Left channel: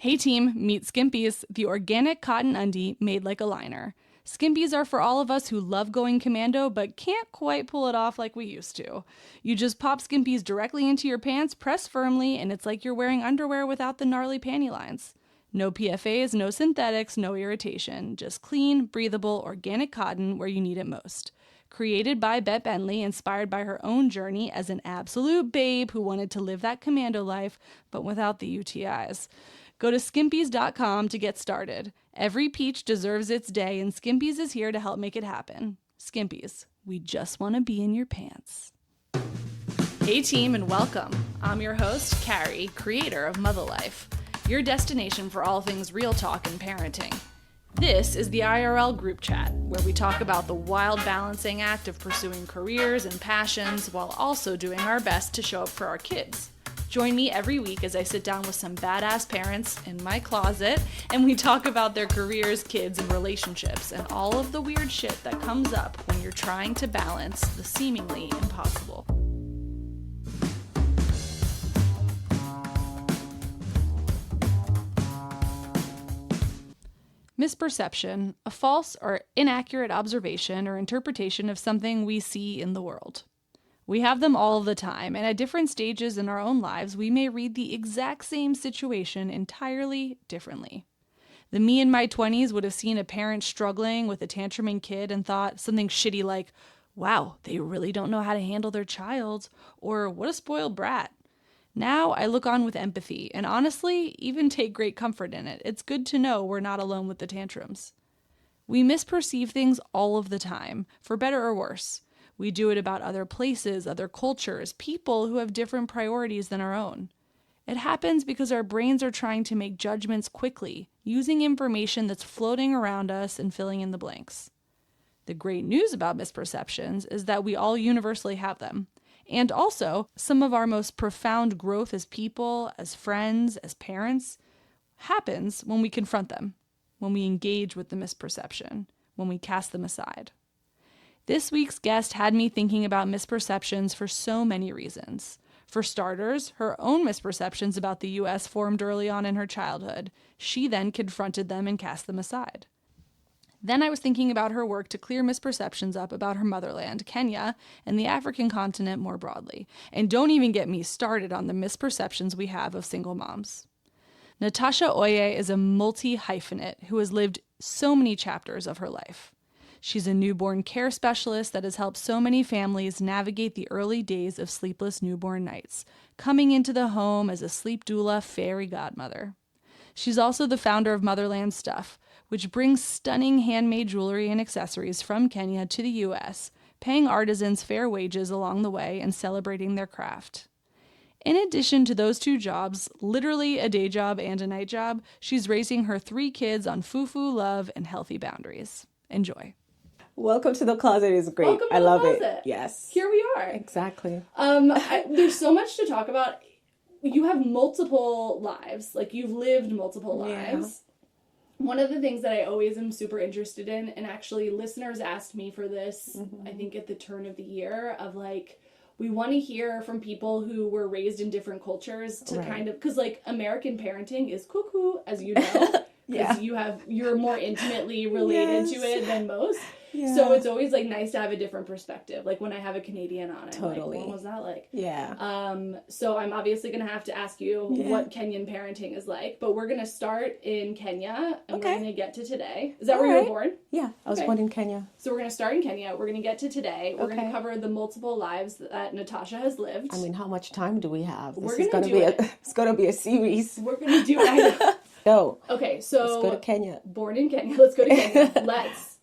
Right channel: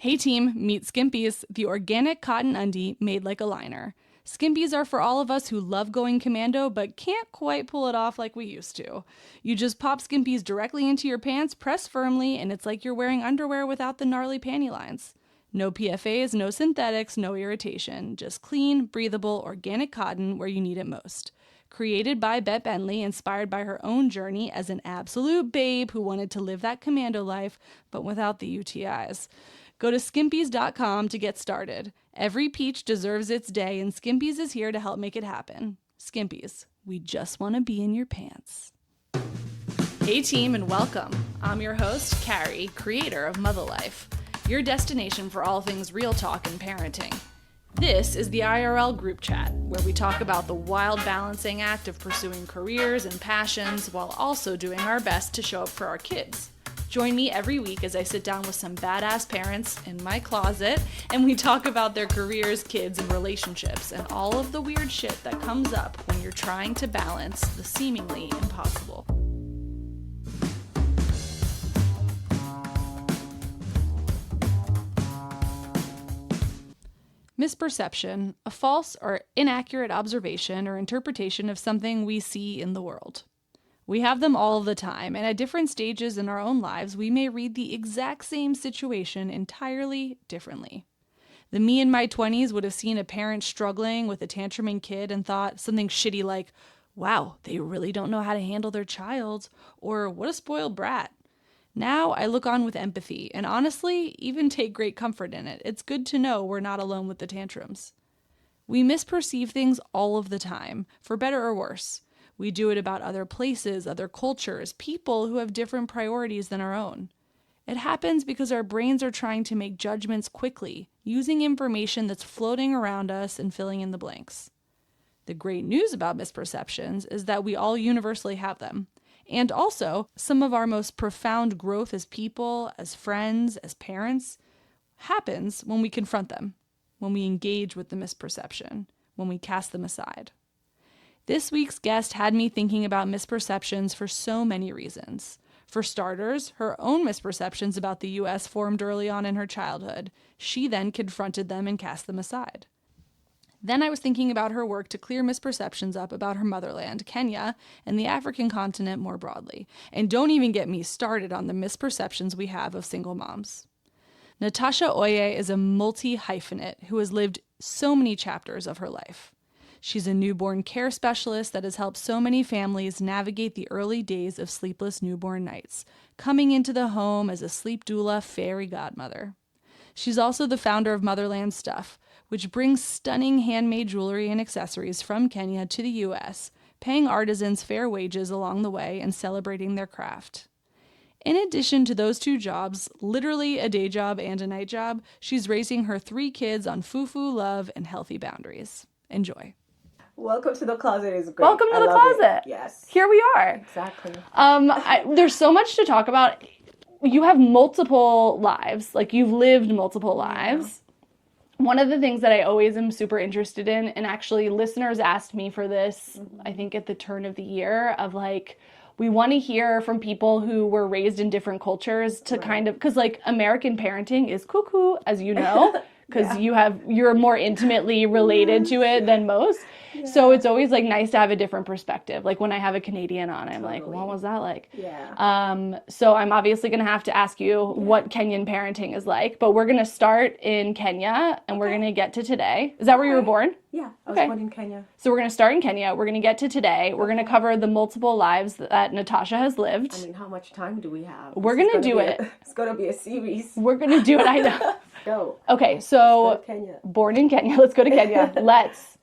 Hey team, meet Skimpies, the organic cotton undie made like a liner. Skimpies are for all of us who love going commando but can't quite pull it off like we used to. You just pop Skimpies directly into your pants, press firmly, and it's like you're wearing underwear without the gnarly panty lines. No PFAs, no synthetics, no irritation. Just clean, breathable, organic cotton where you need it most. Created by Bette Bentley, inspired by her own journey as an absolute babe who wanted to live that commando life, but without the UTIs. Go to skimpies.com to get started. Every peach deserves its day, and Skimpies is here to help make it happen. Skimpies, we just want to be in your pants. Hey team, and welcome. I'm your host, Carrie, creator of Mother Life, your destination for all things real talk and parenting. This is the IRL group chat, where we talk about the wild balancing act of pursuing careers and passions while also doing our best to show up for our kids. Join me every week as I sit down with some badass parents in my closet and we talk about their careers, kids, and relationships and all of the weird shit that comes up when you're trying to balance the seemingly impossible. Misperception, a false or inaccurate observation or interpretation of something we see in the world. We have them all the time, and at different stages in our own lives, we may read the exact same situation entirely differently. The me in my 20s would have seen a parent struggling with a tantruming kid and thought something shitty like, wow, they really don't know how to handle their child, or what a spoiled brat. Now I look on with empathy, and honestly, even take great comfort in it. It's good to know we're not alone with the tantrums. We misperceive things all of the time, for better or worse. We do it about other places, other cultures, people who have different priorities than our own. It happens because our brains are trying to make judgments quickly, using information that's floating around us and filling in the blanks. The great news about misperceptions is that we all universally have them. And also, some of our most profound growth as people, as friends, as parents, happens when we confront them, when we engage with the misperception, when we cast them aside. This week's guest had me thinking about misperceptions for so many reasons. For starters, her own misperceptions about the U.S. formed early on in her childhood. She then confronted them and cast them aside. Then I was thinking about her work to clear misperceptions up about her motherland, Kenya, and the African continent more broadly. And don't even get me started on the misperceptions we have of single moms. Natasha Oiye is a multi-hyphenate who has lived so many chapters of her life. She's a newborn care specialist that has helped so many families navigate the early days of sleepless newborn nights, coming into the home as a sleep doula fairy godmother. She's also the founder of Motherland Stuff, which brings stunning handmade jewelry and accessories from Kenya to the U.S., paying artisans fair wages along the way and celebrating their craft. In addition to those two jobs, literally a day job and a night job, she's raising her 3 kids on fufu, love, and healthy boundaries. Enjoy. Welcome to the closet is great. Welcome to I the love closet. It. Yes. Here we are. Exactly. There's so much to talk about. You have multiple lives. Like, you've lived multiple lives. One of the things that I always am super interested in, and actually listeners asked me for this, I think at the turn of the year, of like, we want to hear from people who were raised in different cultures to kind of, because like American parenting is cuckoo, as you know, because you're more intimately related to it than most. Yeah. So it's always like nice to have a different perspective. Like when I have a Canadian on, I'm like, what was that like? Yeah. So I'm obviously going to have to ask you what Kenyan parenting is like, but we're going to start in Kenya and we're going to get to today. Is that where you were born? Yeah, I was born in Kenya. So we're going to start in Kenya. We're going to get to today. We're going to cover the multiple lives that Natasha has lived. I mean, how much time do we have? We're going to do it. It's going to be a series. We're going to do it. I know. No. Okay, so let's go to Kenya. Born in Kenya. Let's go to Kenya. Let's.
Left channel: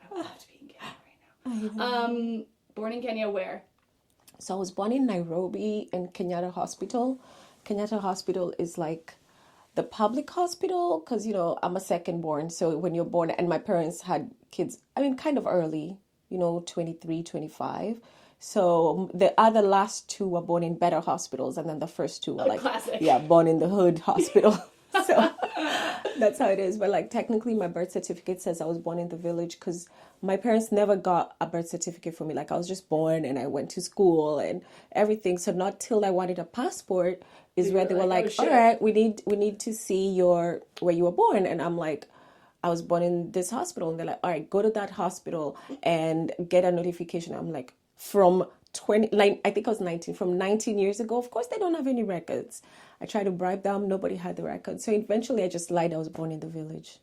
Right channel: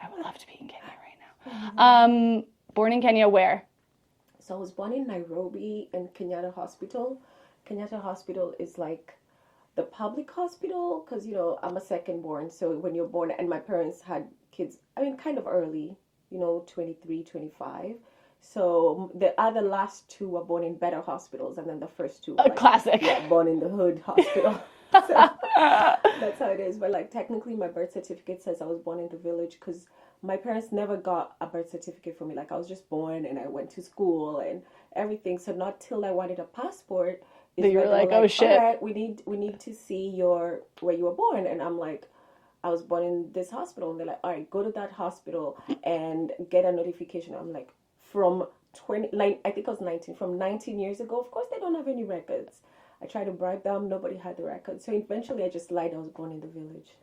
I would love to be in Kenya right now. Born in Kenya, where? So I was born in Nairobi in Kenyatta Hospital. Kenyatta Hospital is like the public hospital because, you know, I'm a second born. So when you're born, and my parents had kids, I mean, kind of early, you know, 23, 25. So the other last 2 were born in better hospitals. And then the first 2 were like, classic. Yeah, born in the hood hospital. So that's how it is. But like technically my birth certificate says I was born in the village because my parents never got a birth certificate for me. Like I was just born and I went to school and everything. So not till I wanted a passport is you where were they were like, like, oh shit. all right, we need to see your where you were born. And I'm like, I was born in this hospital. And they're like, all right, go to that hospital and get a notification. I'm like, from 20, like, I think I was 19, from 19 years ago. Of course, they don't have any records. I tried to bribe them. Nobody had the records. So eventually I just lied I was born in the village.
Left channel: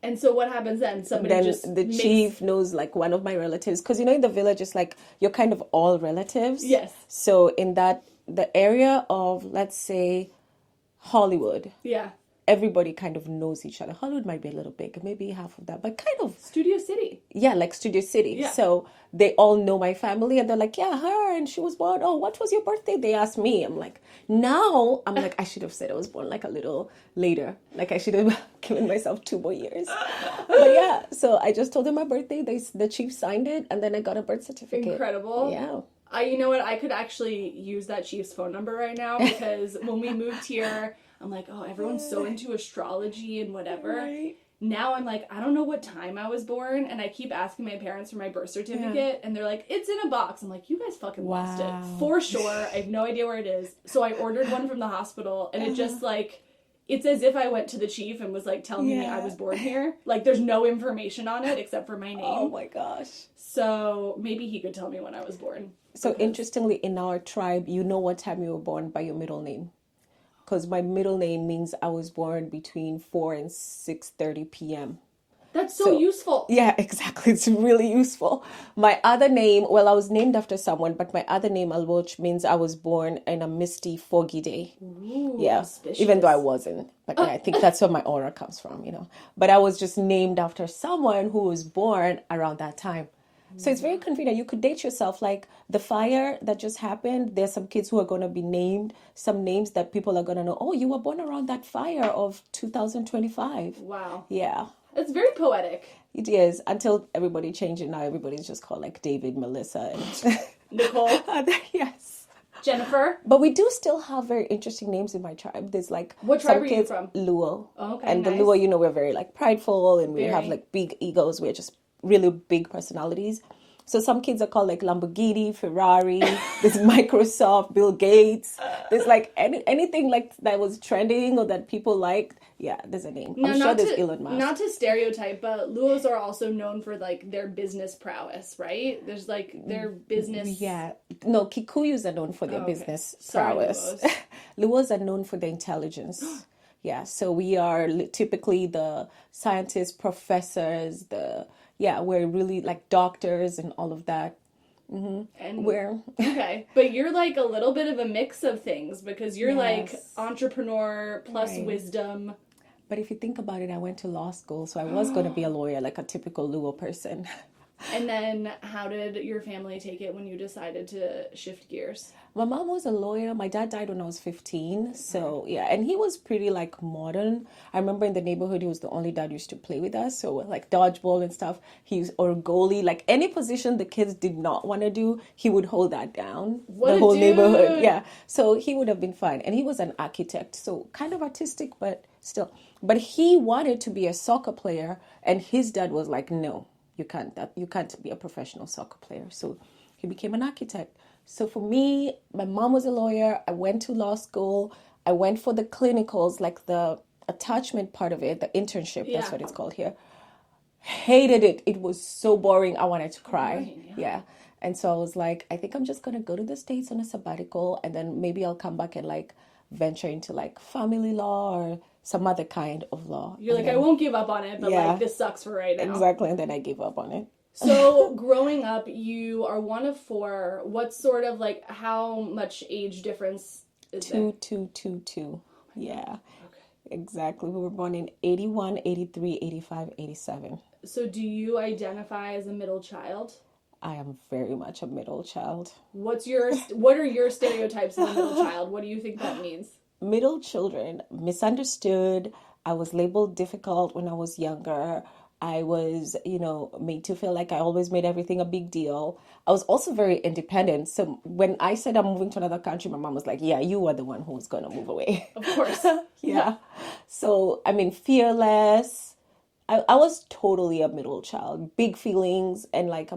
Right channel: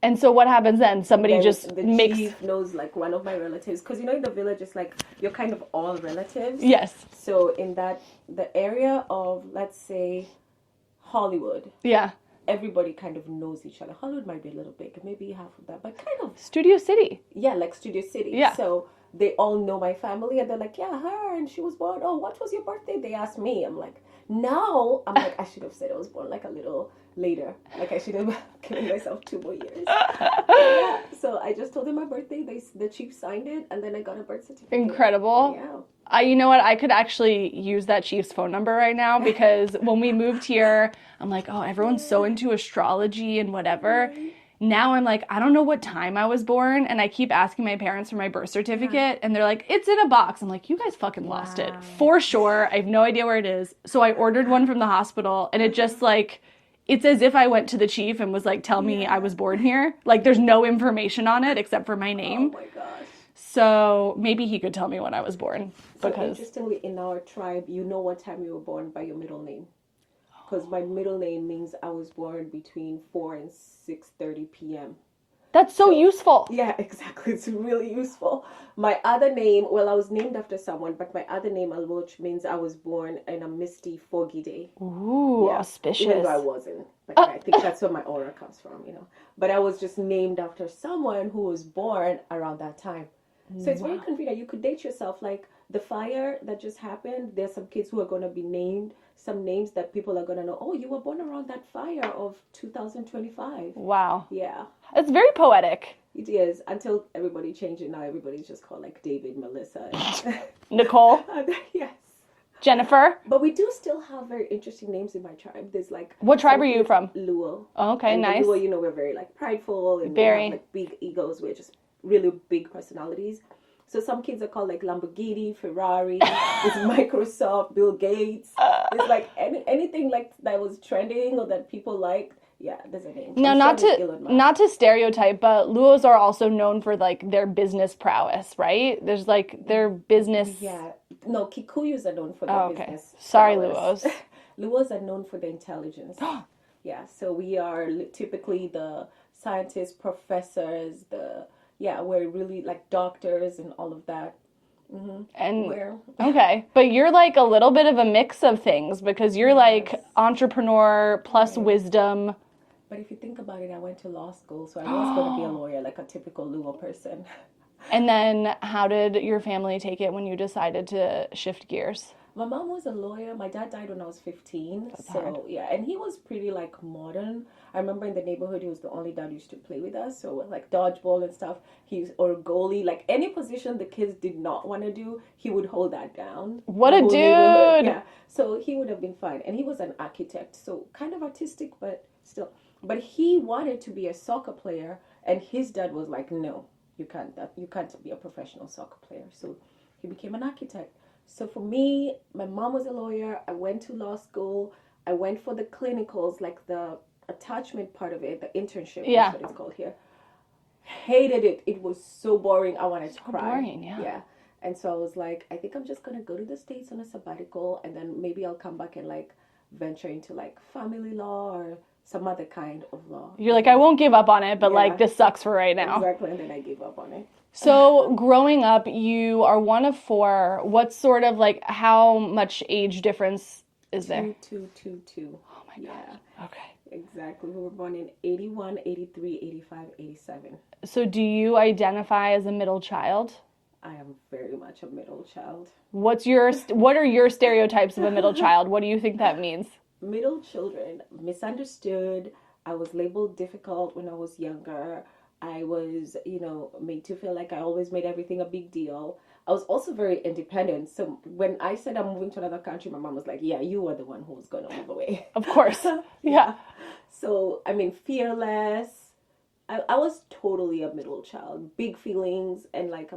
And so what happens then? Somebody Then just the makes... chief knows like one of my relatives. Because, in the village, it's like you're kind of all relatives. Yes. So in the area of, let's say, Hollywood. Yeah. Everybody kind of knows each other. Hollywood might be a little big, maybe half of that, but kind of... Studio City. Yeah, like Studio City. Yeah. So they all know my family and they're like, yeah, her, and she was born. Oh, what was your birthday? They asked me. I'm like, I should have said I was born like a little later. Like I should have given myself 2 more years. But yeah, so I just told them my birthday. The chief signed it, and then I got a birth certificate. Incredible. Yeah. You know what? I could actually use that chief's phone number right now, because when we moved here, I'm like, oh, everyone's so into astrology and whatever. Right. Now I'm like, I don't know what time I was born, and I keep asking my parents for my birth certificate, and they're like, it's in a box. I'm like, you guys fucking lost it. For sure. I have no idea where it is. So I ordered one from the hospital, and it just like... It's as if I went to the chief and was like, tell me I was born here. Like, there's no information on it except for my name. Oh my gosh. So maybe he could tell me when I was born. So interestingly, in our tribe, you know what time you were born by your middle name. Because my middle name means I was born between 4 and 6:30 p.m. That's so useful. Yeah, exactly. It's really useful. My other name, well, I was named after someone, but my other name, Alwoch, means I was born in a misty, foggy day. Ooh, auspicious. Even though I wasn't. But I think that's where my honor comes from, But I was just named after someone who was born around that time. So it's very convenient. You could date yourself. Like the fire that just happened, there's some kids who are going to be named, some names that people are going to know. Oh, you were born around that fire of 2025. Wow. Yeah. It's very poetic. It is, until everybody changed it. Now everybody's just called like David, Melissa, and Nicole. Yes. Jennifer. But we do still have very interesting names in my tribe. There's like... What tribe are you from? Luo. Oh, okay, and nice. And Luo, we're very like prideful, and we have like big egos. We're just really big personalities. So some kids are called like Lamborghini, Ferrari, there's Microsoft, Bill Gates. There's like anything like that was trending or that people liked. Yeah, there's a name. Now, not to stereotype, but Luos are also known for like their business prowess, right? There's like their business. Yeah. No, Kikuyus are known for their business Sorry, prowess. Luos. Luos are known for their intelligence. Yeah, so we are typically the scientists, professors, we're really like doctors and all of that. Mm-hmm. And okay, but you're like a little bit of a mix of things, because you're like entrepreneur plus wisdom. But if you think about it, I went to law school, so I was going to be a lawyer, like a typical Luo person. And then how did your family take it when you decided to shift gears? My mom was a lawyer. My dad died when I was 15. So, yeah. And he was pretty, like, modern. I remember in the neighborhood, he was the only dad who used to play with us. So, like, dodgeball and stuff. Or goalie. Like, any position the kids did not want to do, he would hold that down. What a dude! Neighborhood. Yeah. So, he would have been fine. And he was an architect. So, kind of artistic, but still. But he wanted to be a soccer player. And his dad was like, no, you can't be a professional soccer player. So, he became an architect. So for me, my mom was a lawyer. I went to law school. I went for the clinicals, like the attachment part of it, the internship, that's what it's called here. Hated it. It was so boring. I wanted to cry. Boring, yeah. And so I was like, I think I'm just going to go to the States on a sabbatical, and then maybe I'll come back and like venture into like family law or some other kind of law. You're like, I won't give up on it, but like this sucks for right now. Exactly. And then I gave up on it. So growing up, you are one of 4. What sort of like, how much age difference is there? 2. Oh my God. Okay. Exactly. We were born in 81, 83, 85, 87. So do you identify as a middle child? I am very much a middle child. What are your stereotypes of a middle child? What do you think that means? Middle children, misunderstood. I was labeled difficult when I was younger. I was, made to feel like I always made everything a big deal. I was also very independent. So when I said I'm moving to another country, my mom was like, yeah, you were the one who was going to move away. Of course. Yeah. So, fearless. I was totally a middle child. Big feelings, and like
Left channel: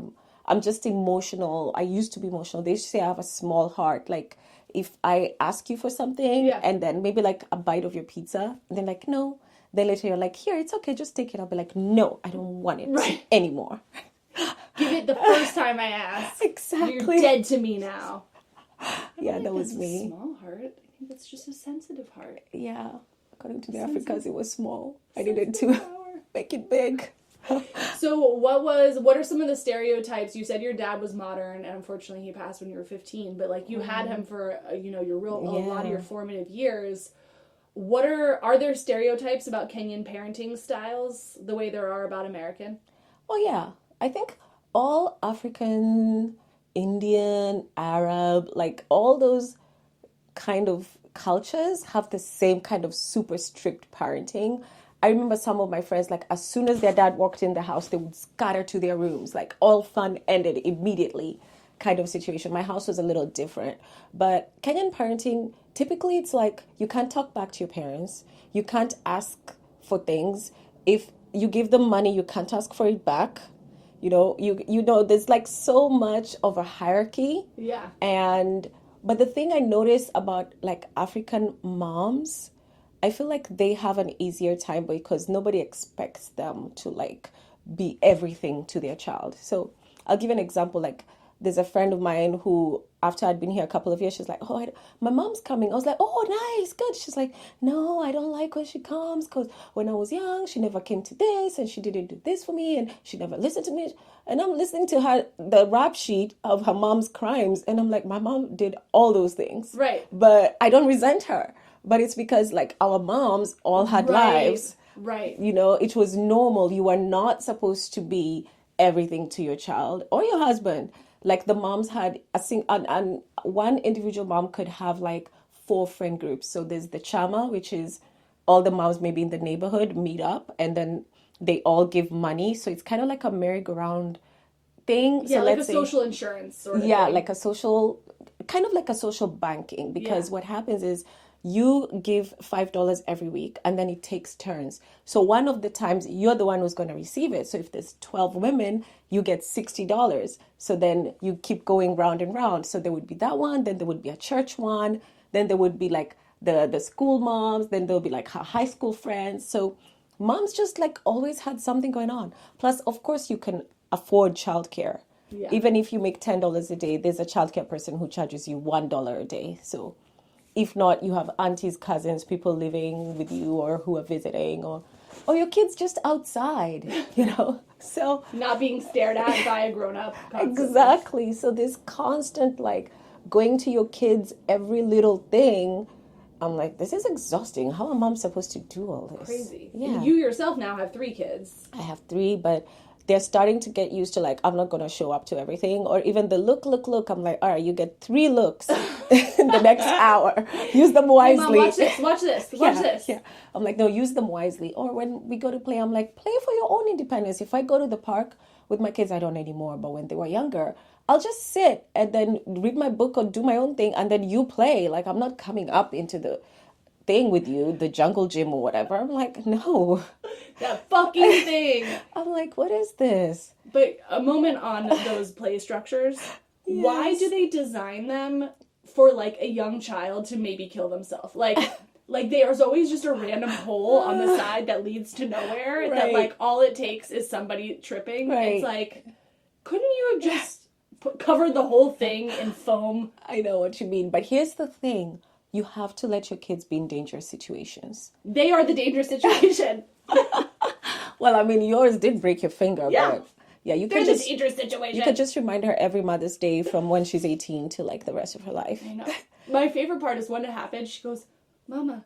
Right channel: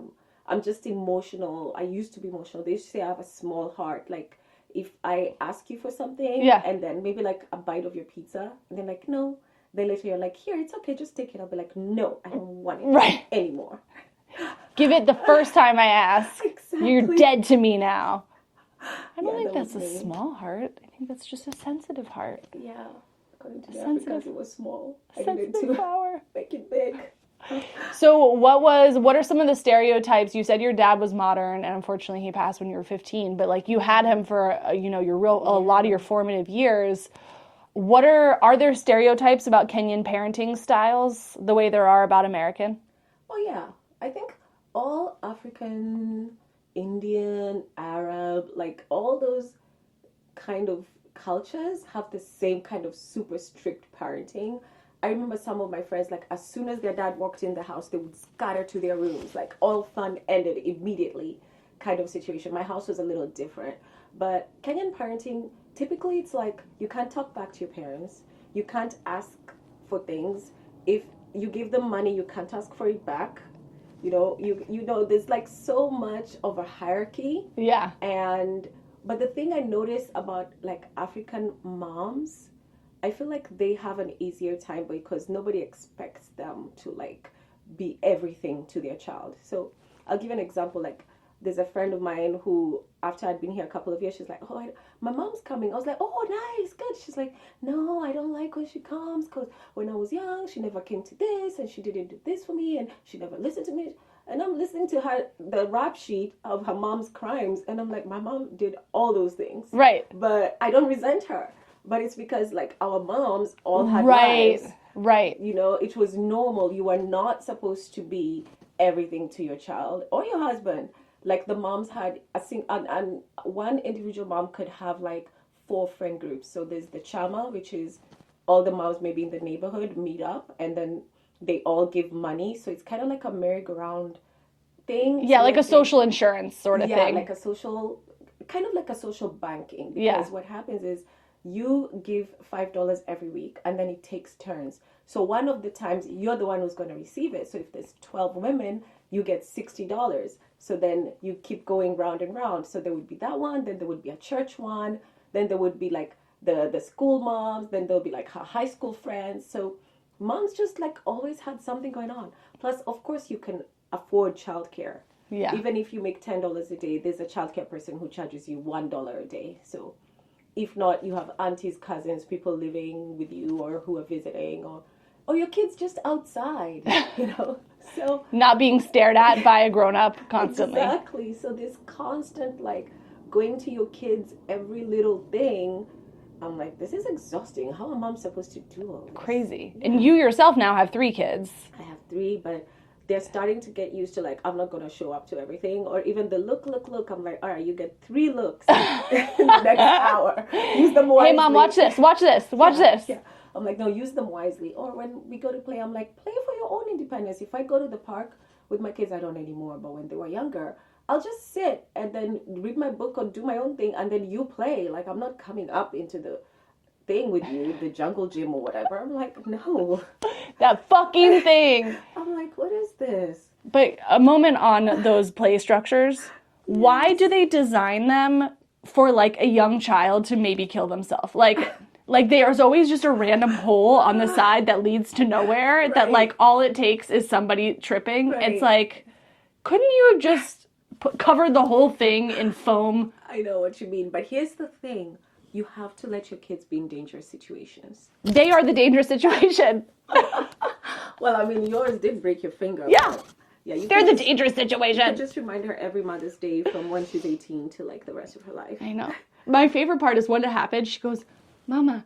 I'm just emotional. I used to be emotional. They used to say I have a small heart. Like if I ask you for something Yeah. and then maybe like a bite of your pizza, and then like, no. Then later you're like, here, it's okay, just take it. I'll be like, no, I don't want it anymore. Give it the first time I ask. Exactly. You're dead to me now. I don't Yeah, think that that's was a me. small heart. I think that's just a sensitive heart. Yeah, according to the Sensitive- Africans, it was small. I needed Sensitive to power. make it big. So what are some of the stereotypes? You said your dad was modern, and unfortunately he passed when you were 15, but like you had him for, a lot of your formative years. Are there stereotypes about Kenyan parenting styles the way there are about American? Oh yeah, I think all African, Indian, Arab, like all those kind of cultures have the same kind of super strict parenting. I remember some of my friends, like as soon as their dad walked in the house, they would scatter to their rooms, like all fun ended immediately kind of situation. My house was a little different. But Kenyan parenting, typically it's like you can't talk back to your parents. You can't ask for things. If you give them money, you can't ask for it back. There's like so much of a hierarchy. Yeah. But the thing I notice about like African moms, I feel like they have an easier time because nobody expects them to like be everything to their child. So I'll give an example. Like there's a friend of mine who, after I'd been here a couple of years, she's like, my mom's coming. I was like, oh, nice, good. She's like, no, I don't like when she comes because when I was young, she never came to this and she didn't do this for me and she never listened to me. And I'm listening to her, the rap sheet of her mom's crimes. And I'm like, my mom did all those things. Right. But I don't resent her. But it's because like our moms all had lives. Right. It was normal. You were not supposed to be everything to your child or your husband. Like the moms had and one individual mom could have like 4 friend groups. So there's the chama, which is all the moms maybe in the neighborhood meet up and then they all give money. So it's kind of like a merry-go-round thing. Yeah, so like a social insurance sort of thing. Yeah, like a social, kind of like a social banking. Because what happens is you give $5 every week and then it takes turns. So one of the times you're the one who's going to receive it. So if there's 12 women, you get $60. So then you keep going round and round. So there would be that one, then there would be a church one, then there would be like the school moms, then there'll be like her high school friends. So moms just like always had something going on. Plus, of course, you can afford childcare. Yeah. Even if you make $10 a day, there's a childcare person who charges you $1 a day. So if not, you have aunties, cousins, people living with you or who are visiting or your kids just outside, So not being stared at by a grown-up constantly. Exactly. So this constant like going to your kids every little thing, I'm like, this is exhausting. How am I supposed to do all this? Crazy. Yeah. And you yourself now have 3 kids. I have 3, but they're starting to get used to like, I'm not going to show up to everything. Or even the look. I'm like, all right, you get 3 looks in the next hour. Use them wisely. Hey, Mom, watch this. Yeah. I'm like, no, use them wisely. Or when we go to play, I'm like, play for your own independence. If I go to the park with my kids, I don't anymore. But when they were younger, I'll just sit and then read my book or do my own thing. And then you play. Like, I'm not coming up into the thing with you, the jungle gym or whatever. I'm like, no. That fucking thing. I'm like, what is this? But a moment on those play structures. Yes. Why do they design them for like a young child to maybe kill themselves? Like there's always just a random hole on the side that leads to nowhere that like all it takes is somebody tripping. Right. It's like, couldn't you have just covered the whole thing in foam? I know what you mean, but here's the thing. You have to let your kids be in dangerous situations. They are the dangerous situation. Well, I mean, yours did break your finger. Yeah. But yeah, they're the dangerous situation. You could just remind her every Mother's Day from when she's 18 to like the rest of her life. I know. My favorite part is when it happened, she goes, Mama,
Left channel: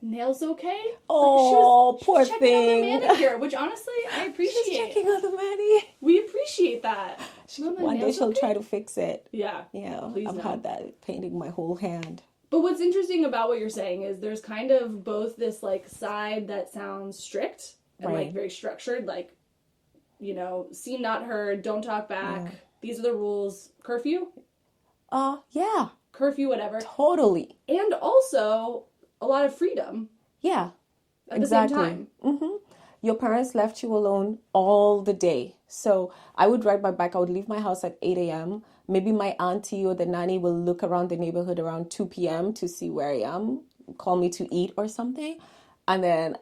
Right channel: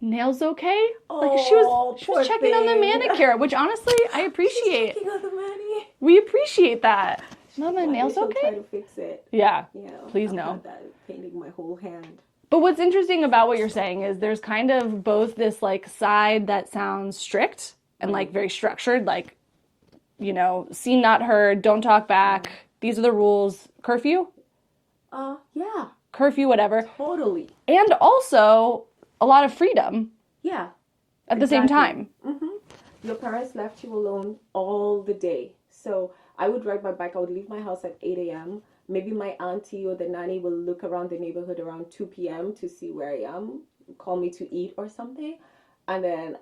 nails okay? Oh, she was checking on the manicure, which honestly, I appreciate. She's checking on the mani. We appreciate that. Mama, One nails day she'll okay? try to fix it. Yeah. Yeah. Please I've no. had that painting my whole hand. But what's interesting about what you're saying is there's kind of both this like side that sounds strict and like very structured, like, seen, not heard, don't talk back. These are the rules. Curfew? Yeah. Curfew, whatever. Totally. And also a lot of freedom. Yeah. At the same time. Mm-hmm. Your parents left you alone all the day. So I would ride my bike. I would leave my house at 8 a.m., maybe my auntie or the nanny will look around the neighborhood around 2 p.m. to see where I am, call me to eat or something. And then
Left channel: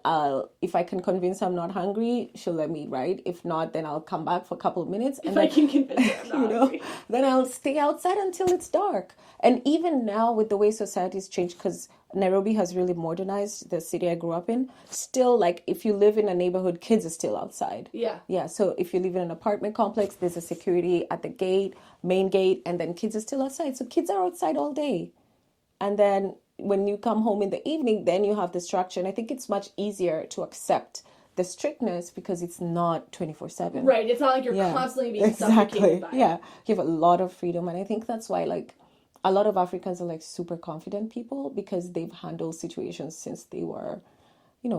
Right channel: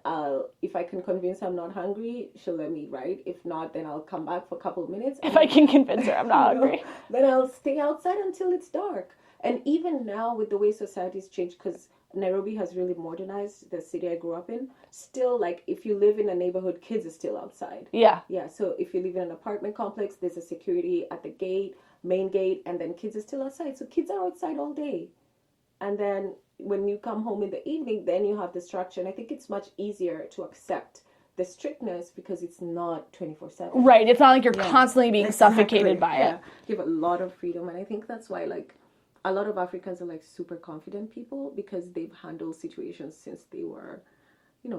if I can convince her I'm not hungry, she'll let me eat, right? If not, then I'll come back for a couple of minutes. If I can convince her I'm not hungry. Then I'll stay outside until it's dark. And even now with the way society's changed, because Nairobi has really modernized, the city I grew up in, still, like, if you live in a neighborhood, kids are still outside. Yeah. Yeah, so if you live in an apartment complex, there's a security at the gate, main gate, and then kids are still outside. So kids are outside all day. And then when you come home in the evening, then you have the structure. And I think it's much easier to accept the strictness because it's not 24/7. Right. It's not like you're constantly being suffocated by it. You have a lot of freedom. And I think that's why, like, a lot of Africans are, like, super confident people because they've handled situations since they were,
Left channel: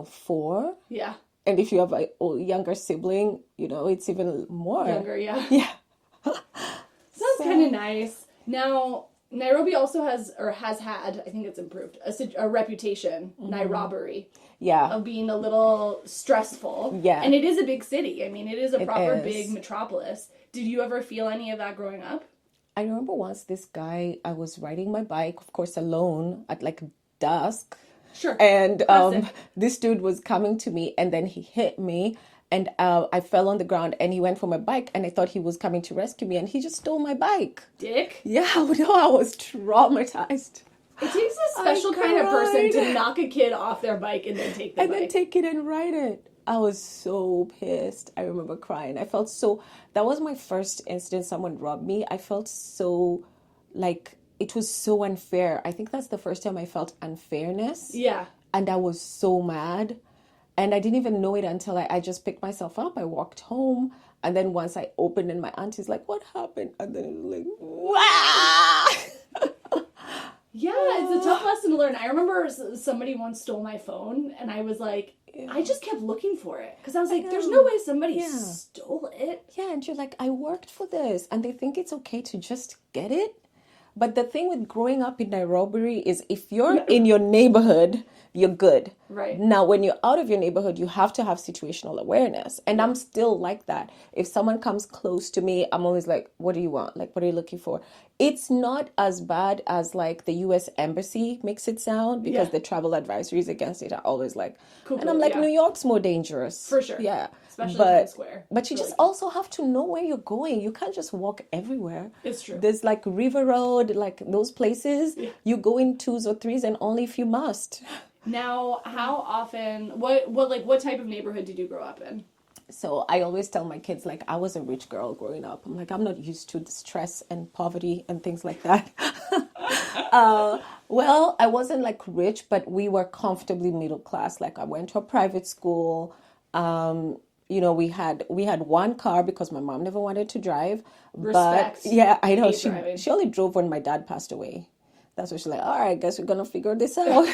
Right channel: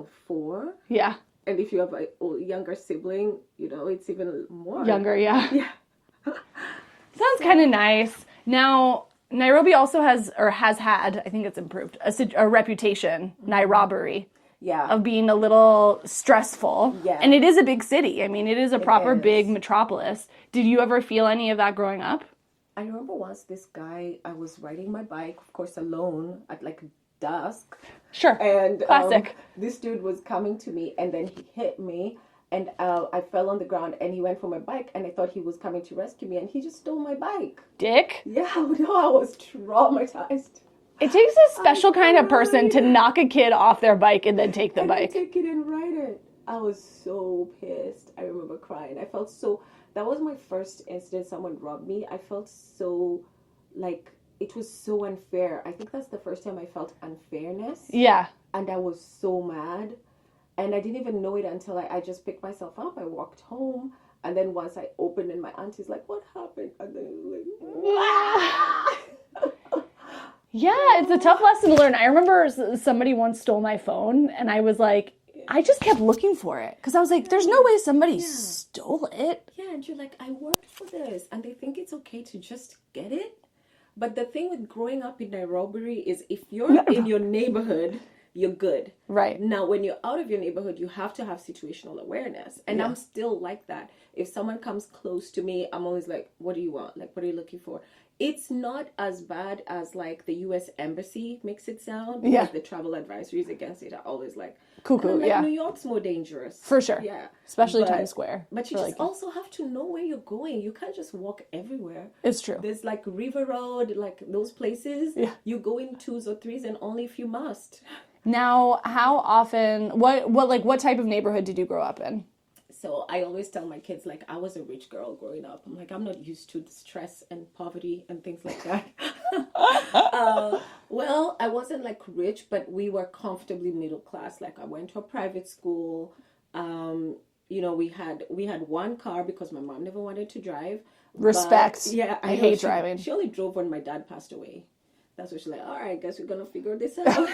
4. Yeah. And if you have a younger sibling, it's even more. Younger, yeah. Yeah. Sounds kind of nice. Now, Nairobi also has had, I think it's improved, a reputation, Nairobi, of being a little stressful. Yeah. And it is a big city. I mean, it is a proper big is. metropolis. Did you ever feel any of that growing up? I remember once this guy, I was riding my bike, of course, alone at, like, dusk. Sure. And Classic. this dude was coming to me, and then he hit me. And I fell on the ground, and he went for my bike, and I thought he was coming to rescue me, and he just stole my bike. Dick? Yeah, no, I was traumatized. It takes a special kind of person to knock a kid off their bike and then take the bike. And then take it and ride it. I was so pissed. I remember crying. I felt so... That was my first incident someone robbed me. I felt so, like, it was so unfair. I think that's the first time I felt unfairness. Yeah. And I was so mad. And I didn't even know it until I just picked myself up. I walked home. And then once I opened and my auntie's like, what happened? And then it was like, wow. Yeah, it's a tough lesson to learn. I remember somebody once stole my phone and I was like, I just kept looking for it. Because I was like, there's no way somebody stole it. Yeah, and you're like, I worked for this. And they think it's okay to just get it. But the thing with growing up in Nairobi is if you're in your neighborhood, you're good. Right. Now, when you're out of your neighborhood, you have to have situational awareness. And I'm still like that. If someone comes close to me, I'm always like, what do you want? Like, what are you looking for? It's not as bad as, like, the U.S. Embassy makes it sound. Because the travel advisories against it are always like, and I'm like, New York's more dangerous. For sure. Yeah. Especially Times Square. But you just also have to know where you're going. You can't just walk everywhere. It's true. There's, like, River Road, like, those places. Yeah. You go in 2s or 3s and only if you must. Now, how often, what type of neighborhood did you grow up in? So I always tell my kids, like, I was a rich girl growing up. I'm like, I'm not used to the stress and poverty and things like that. Well, I wasn't, like, rich, but we were comfortably middle class. Like, I went to a private school. We had one car because my mom never wanted to drive. Respect. But, yeah, I know. hate driving. She only drove when my dad passed away. That's what she's like, all right, I guess we're going to figure this out.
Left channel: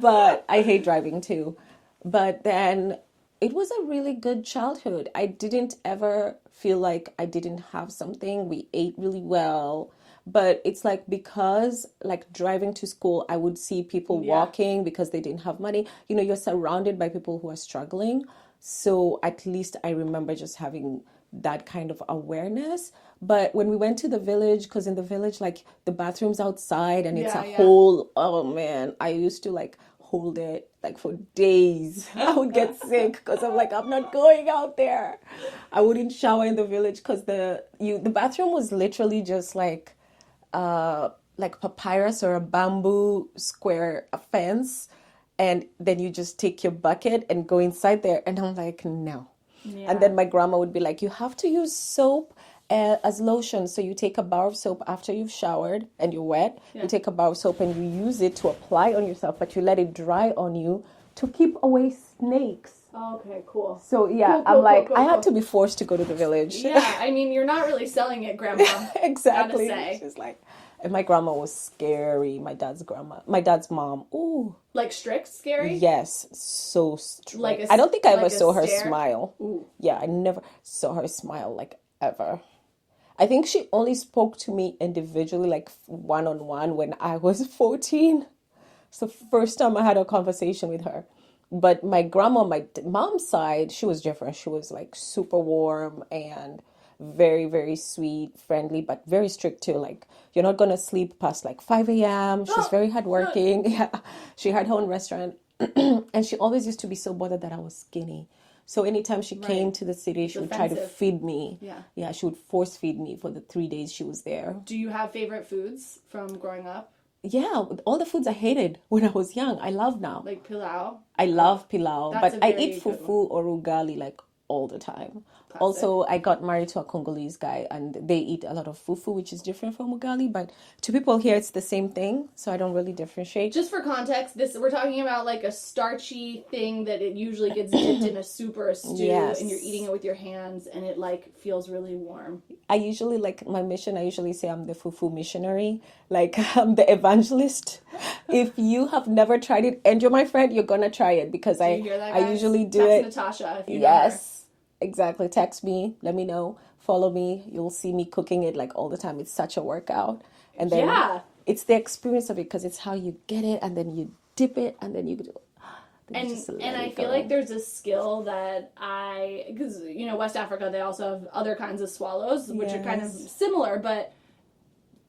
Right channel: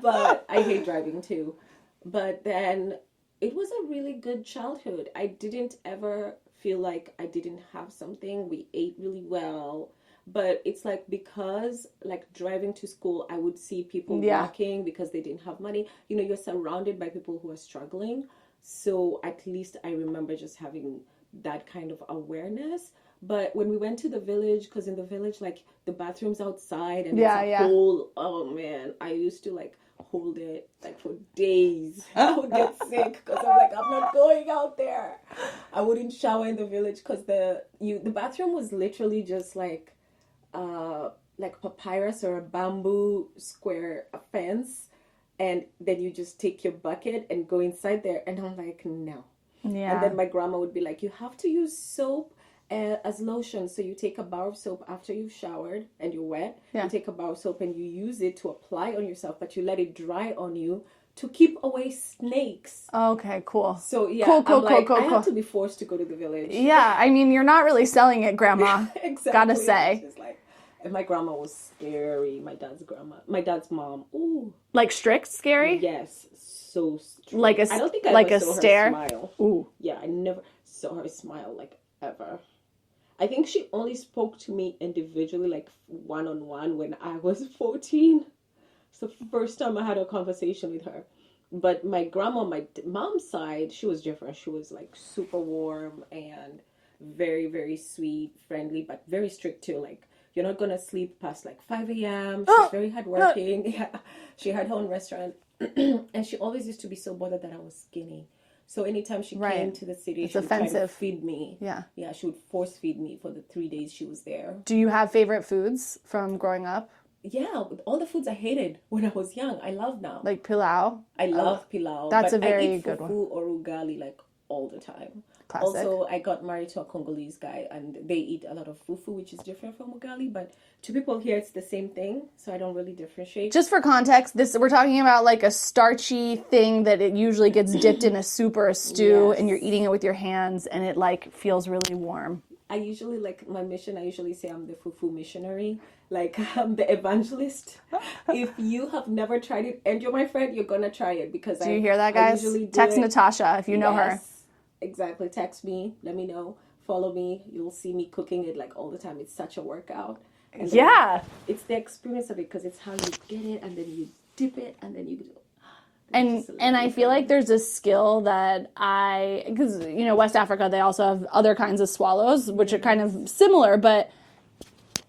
But I hate driving too. But then it was a really good childhood. I didn't ever feel like I didn't have something. We ate really well. But it's like because, like, driving to school, I would see people walking because they didn't have money. You're surrounded by people who are struggling. So at least I remember just having that kind of awareness. But when we went to the village, because in the village, like, the bathroom's outside and it's a whole, oh man, I used to, like, hold it, like, for days. I would get sick because I'm like, I'm not going out there. I wouldn't shower in the village because the bathroom was literally just like papyrus or a bamboo square fence. And then you just take your bucket and go inside there. And I'm like, no. Yeah. And then my grandma would be like, you have to use soap as lotion. So you take a bar of soap after you've showered and you're wet. Yeah. You take a bar of soap and you use it to apply on yourself, but you let it dry on you to keep away snakes. Okay, cool. So yeah, I had to be forced to go to the village. Yeah, I mean, you're not really selling it, Grandma. Exactly. Gotta say. She's like, and my grandma was scary. My dad's mom. Ooh. Like strict, scary? Yes, so strict. Like I don't think I ever saw stare? her smile. Ooh. Yeah, I never saw her smile, like, ever. I think she only spoke to me individually, like, one-on-one when I was 14. It's the first time I had a conversation with her. But my grandma, my mom's side, she was different. She was, like, super warm and, very, very sweet, friendly, but very strict too. Like, you're not going to sleep past like 5 a.m. She's very hardworking. Yeah. She had her own restaurant. And she always used to be so bothered that I was skinny. So anytime she came to the city, she would try to feed me. Yeah. Yeah, she would force feed me for the 3 days she was there. Do you have favorite foods from growing up? Yeah, all the foods I hated when I was young, I love now. Like pilau? I love pilau. That's but a very I eat good fufu or ugali like all the time. Classic. Also, I got married to a Congolese guy and they eat a lot of fufu, which is different from ugali. But to people here, it's the same thing. So I don't really differentiate. Just for context, we're talking about like a starchy thing that it usually gets dipped in a soup or a stew and you're eating it with your hands and it like feels really warm. I usually, like my mission, I usually say I'm the fufu missionary. Like I'm the evangelist. If you have never tried it and you're my friend, you're going to try it because Do you hear that, guys? I usually do Text it. Natasha if you know her. Exactly. Text me. Let me know. Follow me. You'll see me cooking it like all the time. It's such a workout. And then it's the experience of it because it's how you get it and then you dip it and then you do. And I feel like there's a skill that because you know West Africa they also have other kinds of swallows which are kind of similar, but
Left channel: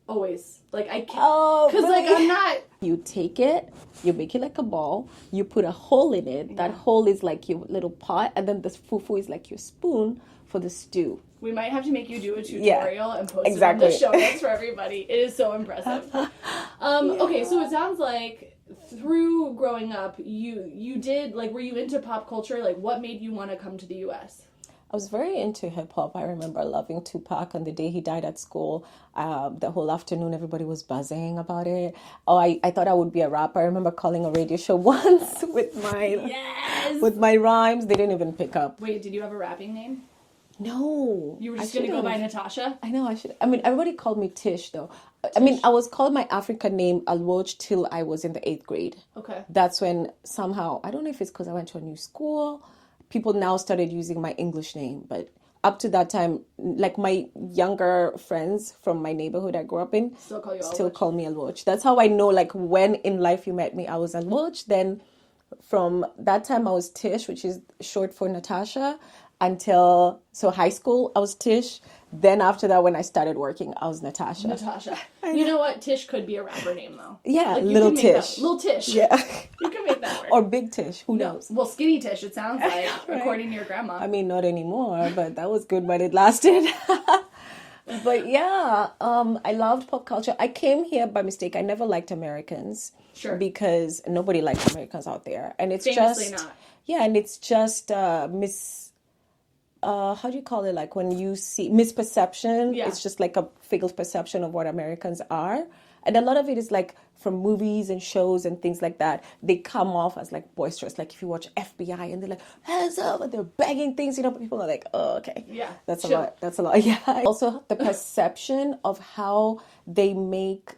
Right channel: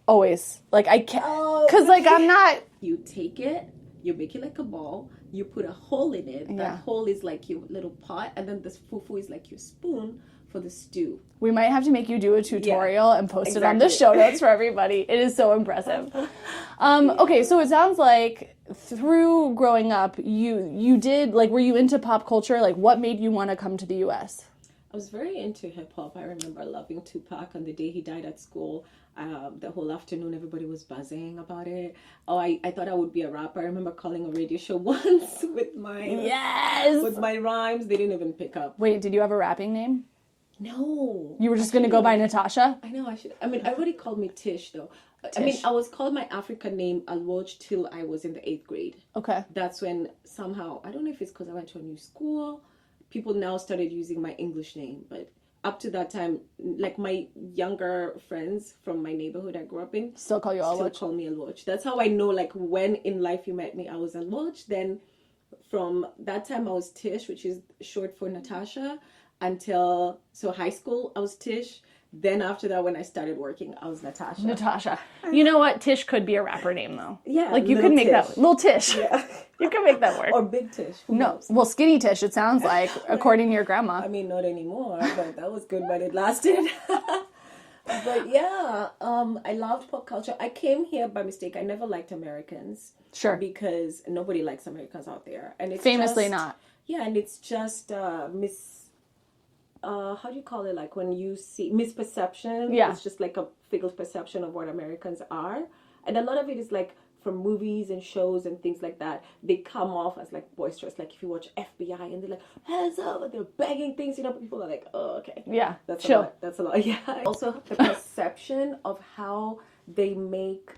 always like I can't because like I'm not. You take it. You make it like a ball. You put a hole in it. That hole is like your little pot. And then the fufu is like your spoon for the stew. We might have to make you do a tutorial and post it on the show notes for everybody. It is so impressive. Okay, so it sounds like through growing up, you did, like, were you into pop culture? Like, what made you want to come to the U.S.? I was very into hip-hop. I remember loving Tupac, and the day he died at school, the whole afternoon everybody was buzzing about it. Oh, I thought I would be a rapper. I remember calling a radio show once with my rhymes. They didn't even pick up. Wait, did you have a rapping name? No. You were just going to go by Natasha? I know, I should. I mean, everybody called me Tish, though. Tish. I mean, I was called my African name, Alwoj, till I was in the 8th grade. Okay. That's when somehow, I don't know if it's because I went to a new school, people now started using my English name, but up to that time, like my younger friends from my neighborhood I grew up in still call you Alwoj. Still call me Alwoj. That's how I know, like, when in life you met me, I was Alwoj. Then from that time, I was Tish, which is short for Natasha, until, so high school, I was Tish. Then after that, when I started working, I was Natasha. Natasha. You know what? Tish could be a rapper name, though. Yeah, like you could make Tish. that Little Tish. Yeah, you can make that work. Or Big Tish. Who knows? Well, Skinny Tish. It sounds like, according to your grandma. I mean, not anymore, but that was good when it lasted. But yeah, I loved pop culture. I came here by mistake. I never liked Americans. Sure. Because nobody likes Americans out there, and it's famously just, not. Yeah, and it's just how do you call it? Like when you see misperception, it's just like a figured perception of what Americans are. And a lot of it is like from movies and shows and things like that. They come off as like boisterous. Like if you watch FBI and they're like, hands up, and they're banging things, you know, people are like, oh, okay. Yeah. That's a lot. That's a lot. Yeah. Also the perception of how they make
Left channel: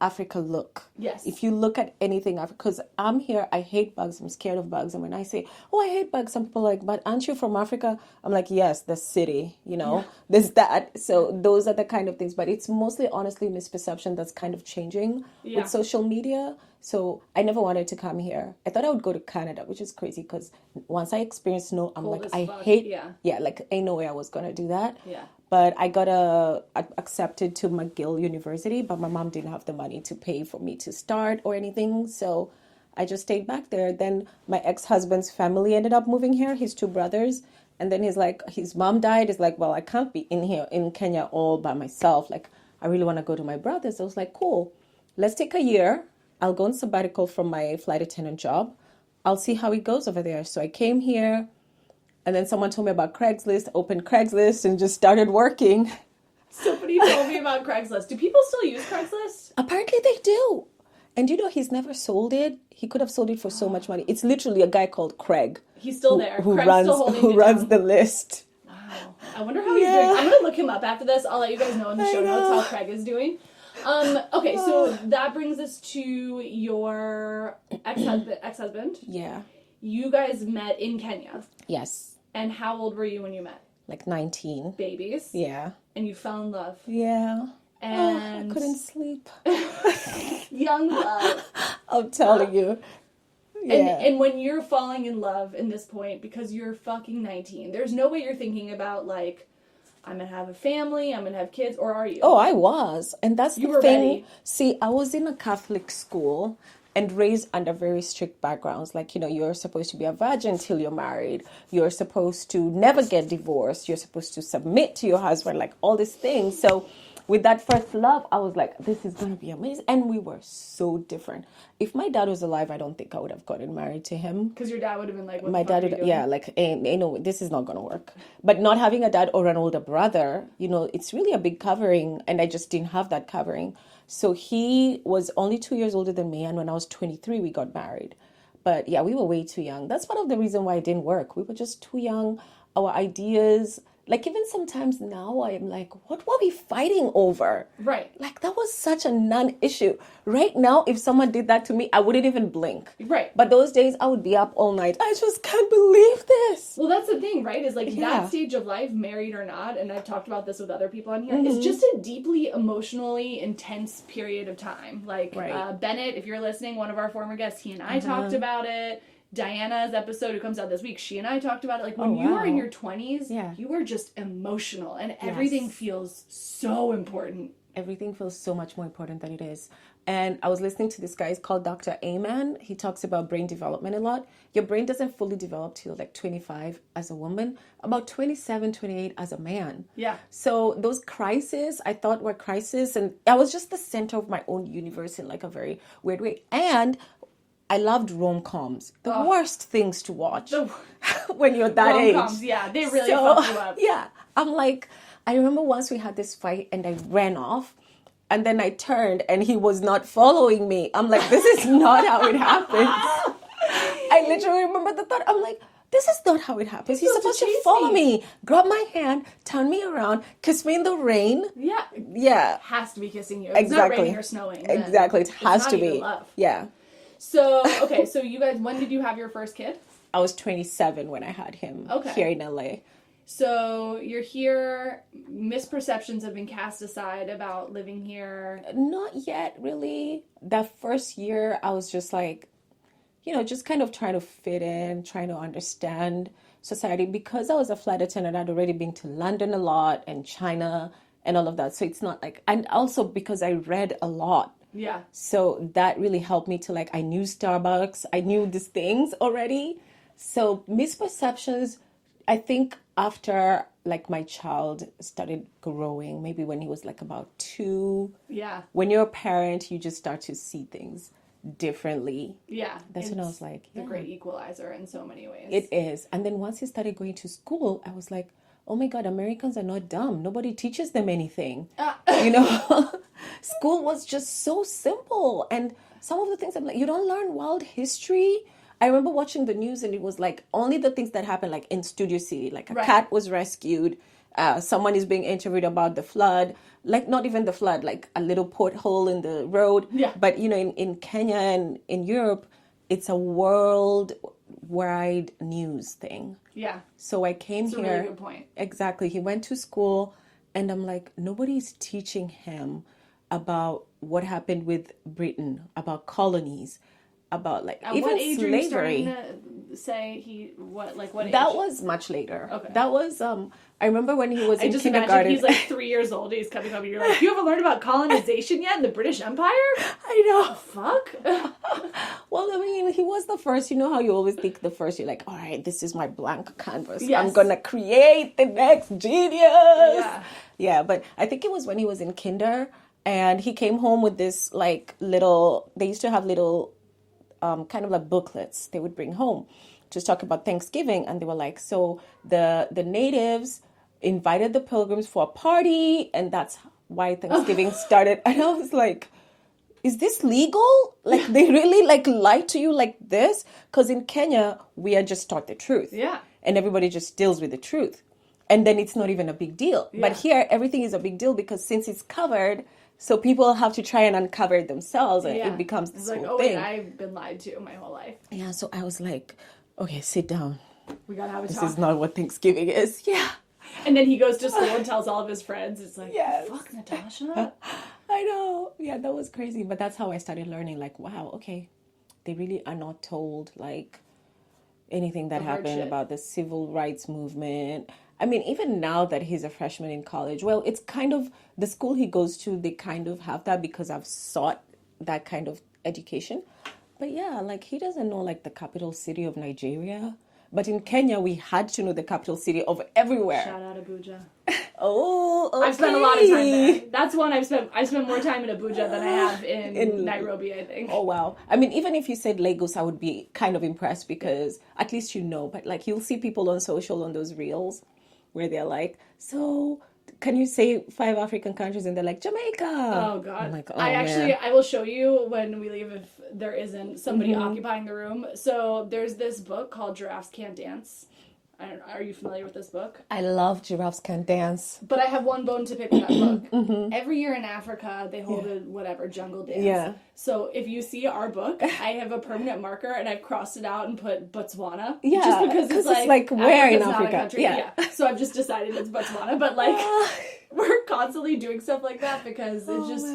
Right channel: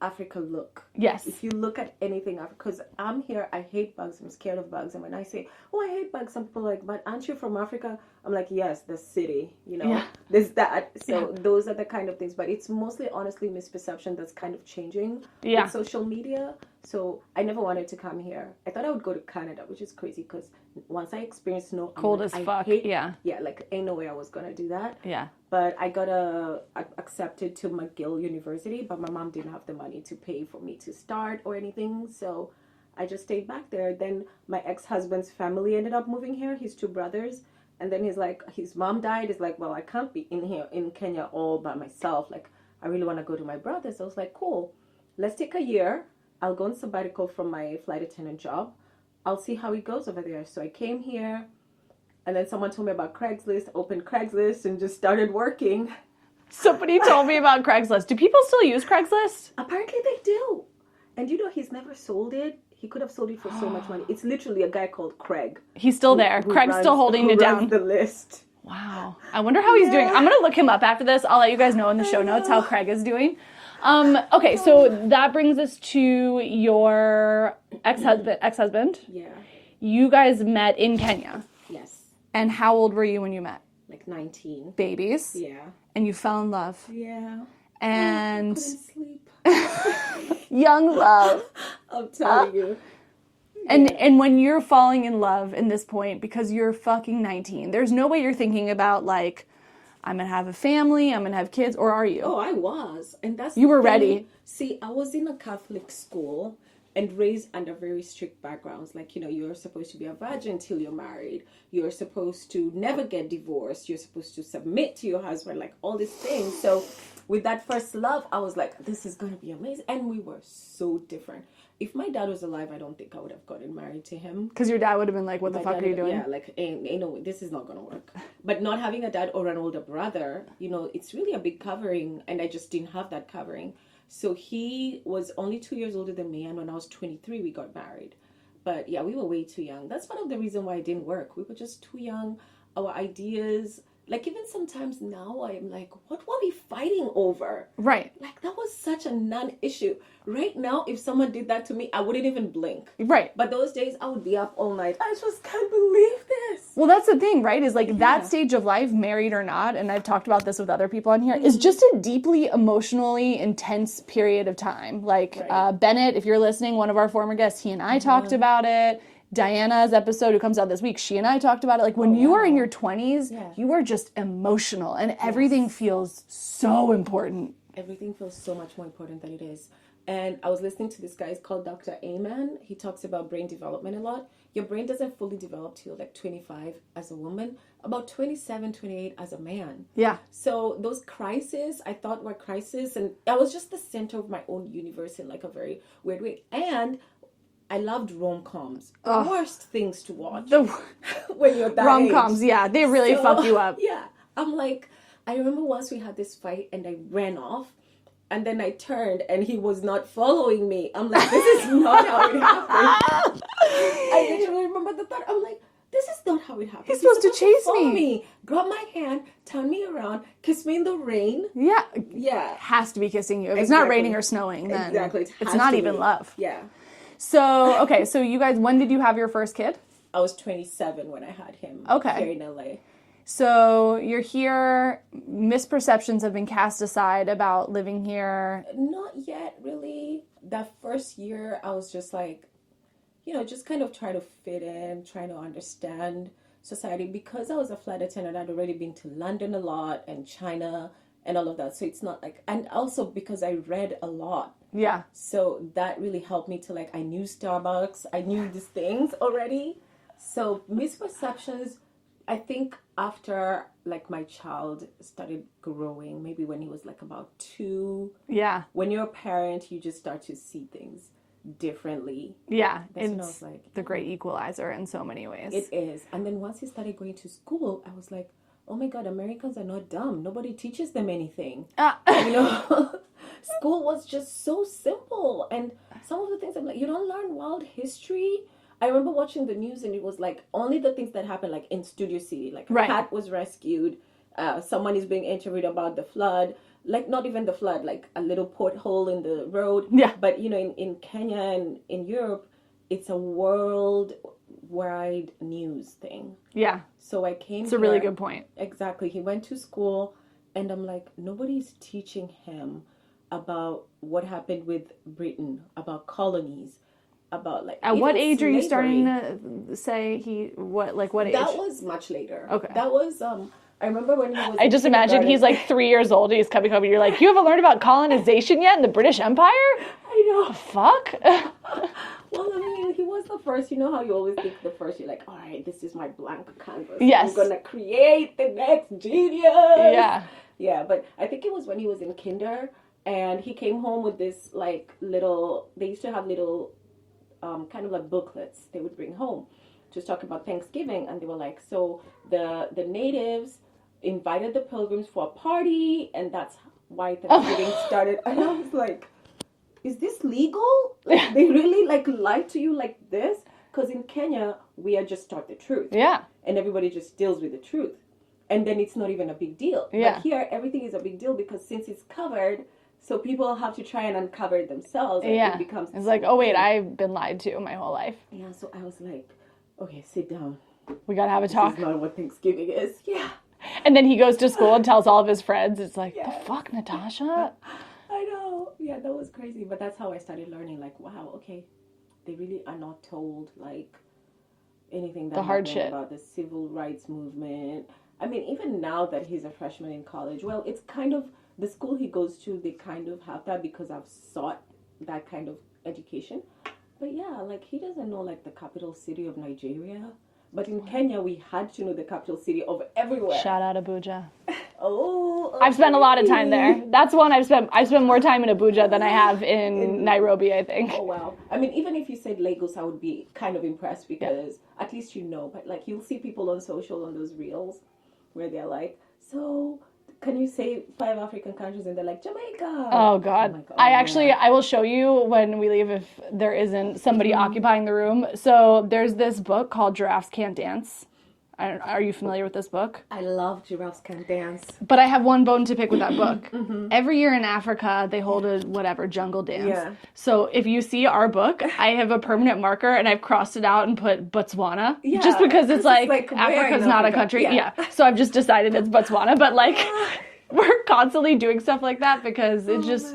Africa look. Yes. If you look at anything, because I'm here, I hate bugs, I'm scared of bugs. And when I say, oh, I hate bugs, some people are like, but aren't you from Africa? I'm like, yes, the city, you know, there's that. So those are the kind of things, but it's mostly, honestly, misperception that's kind of changing with social media. So I never wanted to come here. I thought I would go to Canada, which is crazy because once I experienced snow, I'm cold like, as fuck. Like ain't no way I was going to do that. Yeah. But I got accepted to McGill University, but my mom didn't have the money to pay for me to start or anything. So I just stayed back there. Then my ex-husband's family ended up moving here, his 2 brothers. And then he's like, his mom died. He's like, well, I can't be in here in Kenya all by myself. Like, I really want to go to my brothers. I was like, cool, let's take a year. I'll go on sabbatical from my flight attendant job. I'll see how it goes over there. So I came here. And then someone told me about Craigslist, opened Craigslist, and just started working. Somebody told me about Craigslist. Do people still use Craigslist? Apparently they do. And you know, he's never sold it. He could have sold it for so much money. It's literally a guy called Craig. He's still there. Craig's still holding it down. Who runs the list. Wow. I wonder how he's doing. I'm going to look him up after this. I'll let you guys know in the show notes how Craig is doing. Okay, so that brings us to your ex-husband. Yeah. You guys met in Kenya. Yes. And how old were you when you met? Like 19. Babies. Yeah. And you fell in love. Yeah. And I couldn't sleep. Young love. I'm telling you. And when you're falling in love in this point, because you're fucking 19, there's no way you're thinking about like I'm going to have a family, I'm going to have kids, or are you? Oh, I was. And that's You the were thing. ready. See, I was in a Catholic school and raised under very strict backgrounds. Like, you're supposed to be a virgin till you're married. You're supposed to never get divorced. You're supposed to submit to your husband, like all these things. So with that first love, I was like, this is going to be amazing. And we were so different. If my dad was alive, I don't think I would have gotten married to him. Because your dad would have been like, what the fuck are you doing? Yeah, like, this is not going to work. But not having a dad or an older brother, it's really a big covering. And I just didn't have that covering. So he was only 2 years older than me. And when I was 23, we got married. But yeah, we were way too young. That's part of the reason why it didn't work. We were just too young. Our ideas... Like, even sometimes now, I'm like, what were we fighting over? Right. Like, that was such a non-issue. Right now, if someone did that to me, I wouldn't even blink. Right. But those days, I would be up all night. I just can't believe this. Well, that's the thing, right? Is like that stage of life, married or not, and I've talked about this with other people on here, is just a deeply emotionally intense period of time. Like, Bennett, if you're listening, one of our former guests, he and I talked about it. Diana's episode, who comes out this week, she and I talked about it. Like, when you are in your 20s, you are just emotional, and everything feels so important. Everything feels so much more important than it is. And I was listening to this guy, he's called Dr. Amen. He talks about brain development a lot. Your brain doesn't fully develop till like 25 as a woman, about 27, 28 as a man. Yeah. So those crises, I thought were crises, and I was just the center of my own universe in like a very weird way. And I loved rom-coms. The worst things to watch when you're that age. Rom-coms, yeah, they really fuck you up. Yeah. I'm like, I remember once we had this fight and I ran off and then I turned and he was not following me. I'm like, this is not how it happened. I literally remember the thought. I'm like, this is not how it happens. He's supposed to follow me, grab my hand, turn me around, kiss me in the rain. Yeah. Yeah. Has to be kissing you. If it's not raining or snowing. Then exactly. It has it's not to even be. love. Yeah. So, okay, so you guys, when did you have your first kid? I was 27 when I had him here in LA. So you're here, misperceptions have been cast aside about living here. Not yet, really. That first year, I was just like, just kind of trying to fit in, trying to understand society. Because I was a flight attendant, I'd already been to London a lot and China and all of that. So it's not like, and also because I read a lot. Yeah. So that really helped me to like, I knew Starbucks, I knew these things already. So misperceptions, I think after like my child started growing, maybe when he was like about 2. Yeah. When you're a parent, you just start to see things differently. Yeah. That's when I was like, the great equalizer in so many ways. It is. And then once he started going to school, I was like, oh my God, Americans are not dumb. Nobody teaches them anything. School was just so simple. And some of the things I'm like, you don't learn world history. I remember watching the news and it was like only the things that happened like in Studio City. Like a cat was rescued. Someone is being interviewed about the flood. Like not even the flood, like a little porthole in the road. Yeah. But, in Kenya and in Europe, it's a worldwide news thing. Yeah. So I came here. It's a really good point. Exactly. He went to school and I'm like, nobody's teaching him about what happened with Britain, about colonies, about like at what age slavery. Are you starting to say what age? That was much later. Okay. That was I remember when he was I in just kindergarten. imagine he's like 3 years old. He's coming home and you're like, you haven't learned about colonization yet in the British Empire? I know. Fuck. Well, I mean, he was the first. You know how you always think the first, you're like, all right, this is my blank canvas. Yes. I'm going to create the next genius. Yeah. Yeah, but I think it was when he was in kinder and he came home with this like little, they used to have little kind of like booklets they would bring home to talk about Thanksgiving. And they were like, so the natives invited the pilgrims for a party and that's why Thanksgiving started. And I was like, is this legal? Like they really like lied to you like this? Because in Kenya, we are just taught the truth. Yeah. And everybody just deals with the truth. And then it's not even a big deal. Yeah. But here, everything is a big deal because since it's covered, so people have to try and uncover it themselves. And it becomes this It's like, whole oh, wait, thing. I've been lied to my whole life. Yeah, so I was like, okay, sit down. We got to have a This talk. is not what Thanksgiving is. Yeah. And then he goes to school and tells all of his friends. It's like, Yes. fuck, Natasha. I know. Yeah, that was crazy. But that's how I started learning, like, wow, okay, they really are not told, like, anything that happened shit. about the civil rights movement. I mean, even now that he's a freshman in college, well, it's kind of the school he goes to, they kind of have that because I've sought that kind of education. But yeah, like he doesn't know like the capital city of Nigeria. But in Kenya, we had to know the capital city of everywhere. Shout out Abuja. Oh, okay. I've spent a lot of time there. That's one I've spent more time in Abuja than I have in Nairobi, I think. Oh, wow. I mean, even if you said Lagos, I would be kind of impressed because at least you know. But like you'll see people on social on those reels where they're like, so can you say 5 African countries? And they're like, Jamaica. Oh, God. I'm like, oh, I will show you when we leave if there isn't somebody occupying the room. So there's this book called Giraffes Can't Dance. Are you familiar with this book? I love Giraffes Can Dance. But I have one bone to pick with that book. Every year in Africa, they hold a jungle dance. Yeah. So if you see our book, I have a permanent marker and I've crossed it out and put Botswana. Yeah, just because it's like where in Africa's not a Africa? country. Yeah. So I've just decided it's Botswana. But like, we're constantly doing stuff like that because it just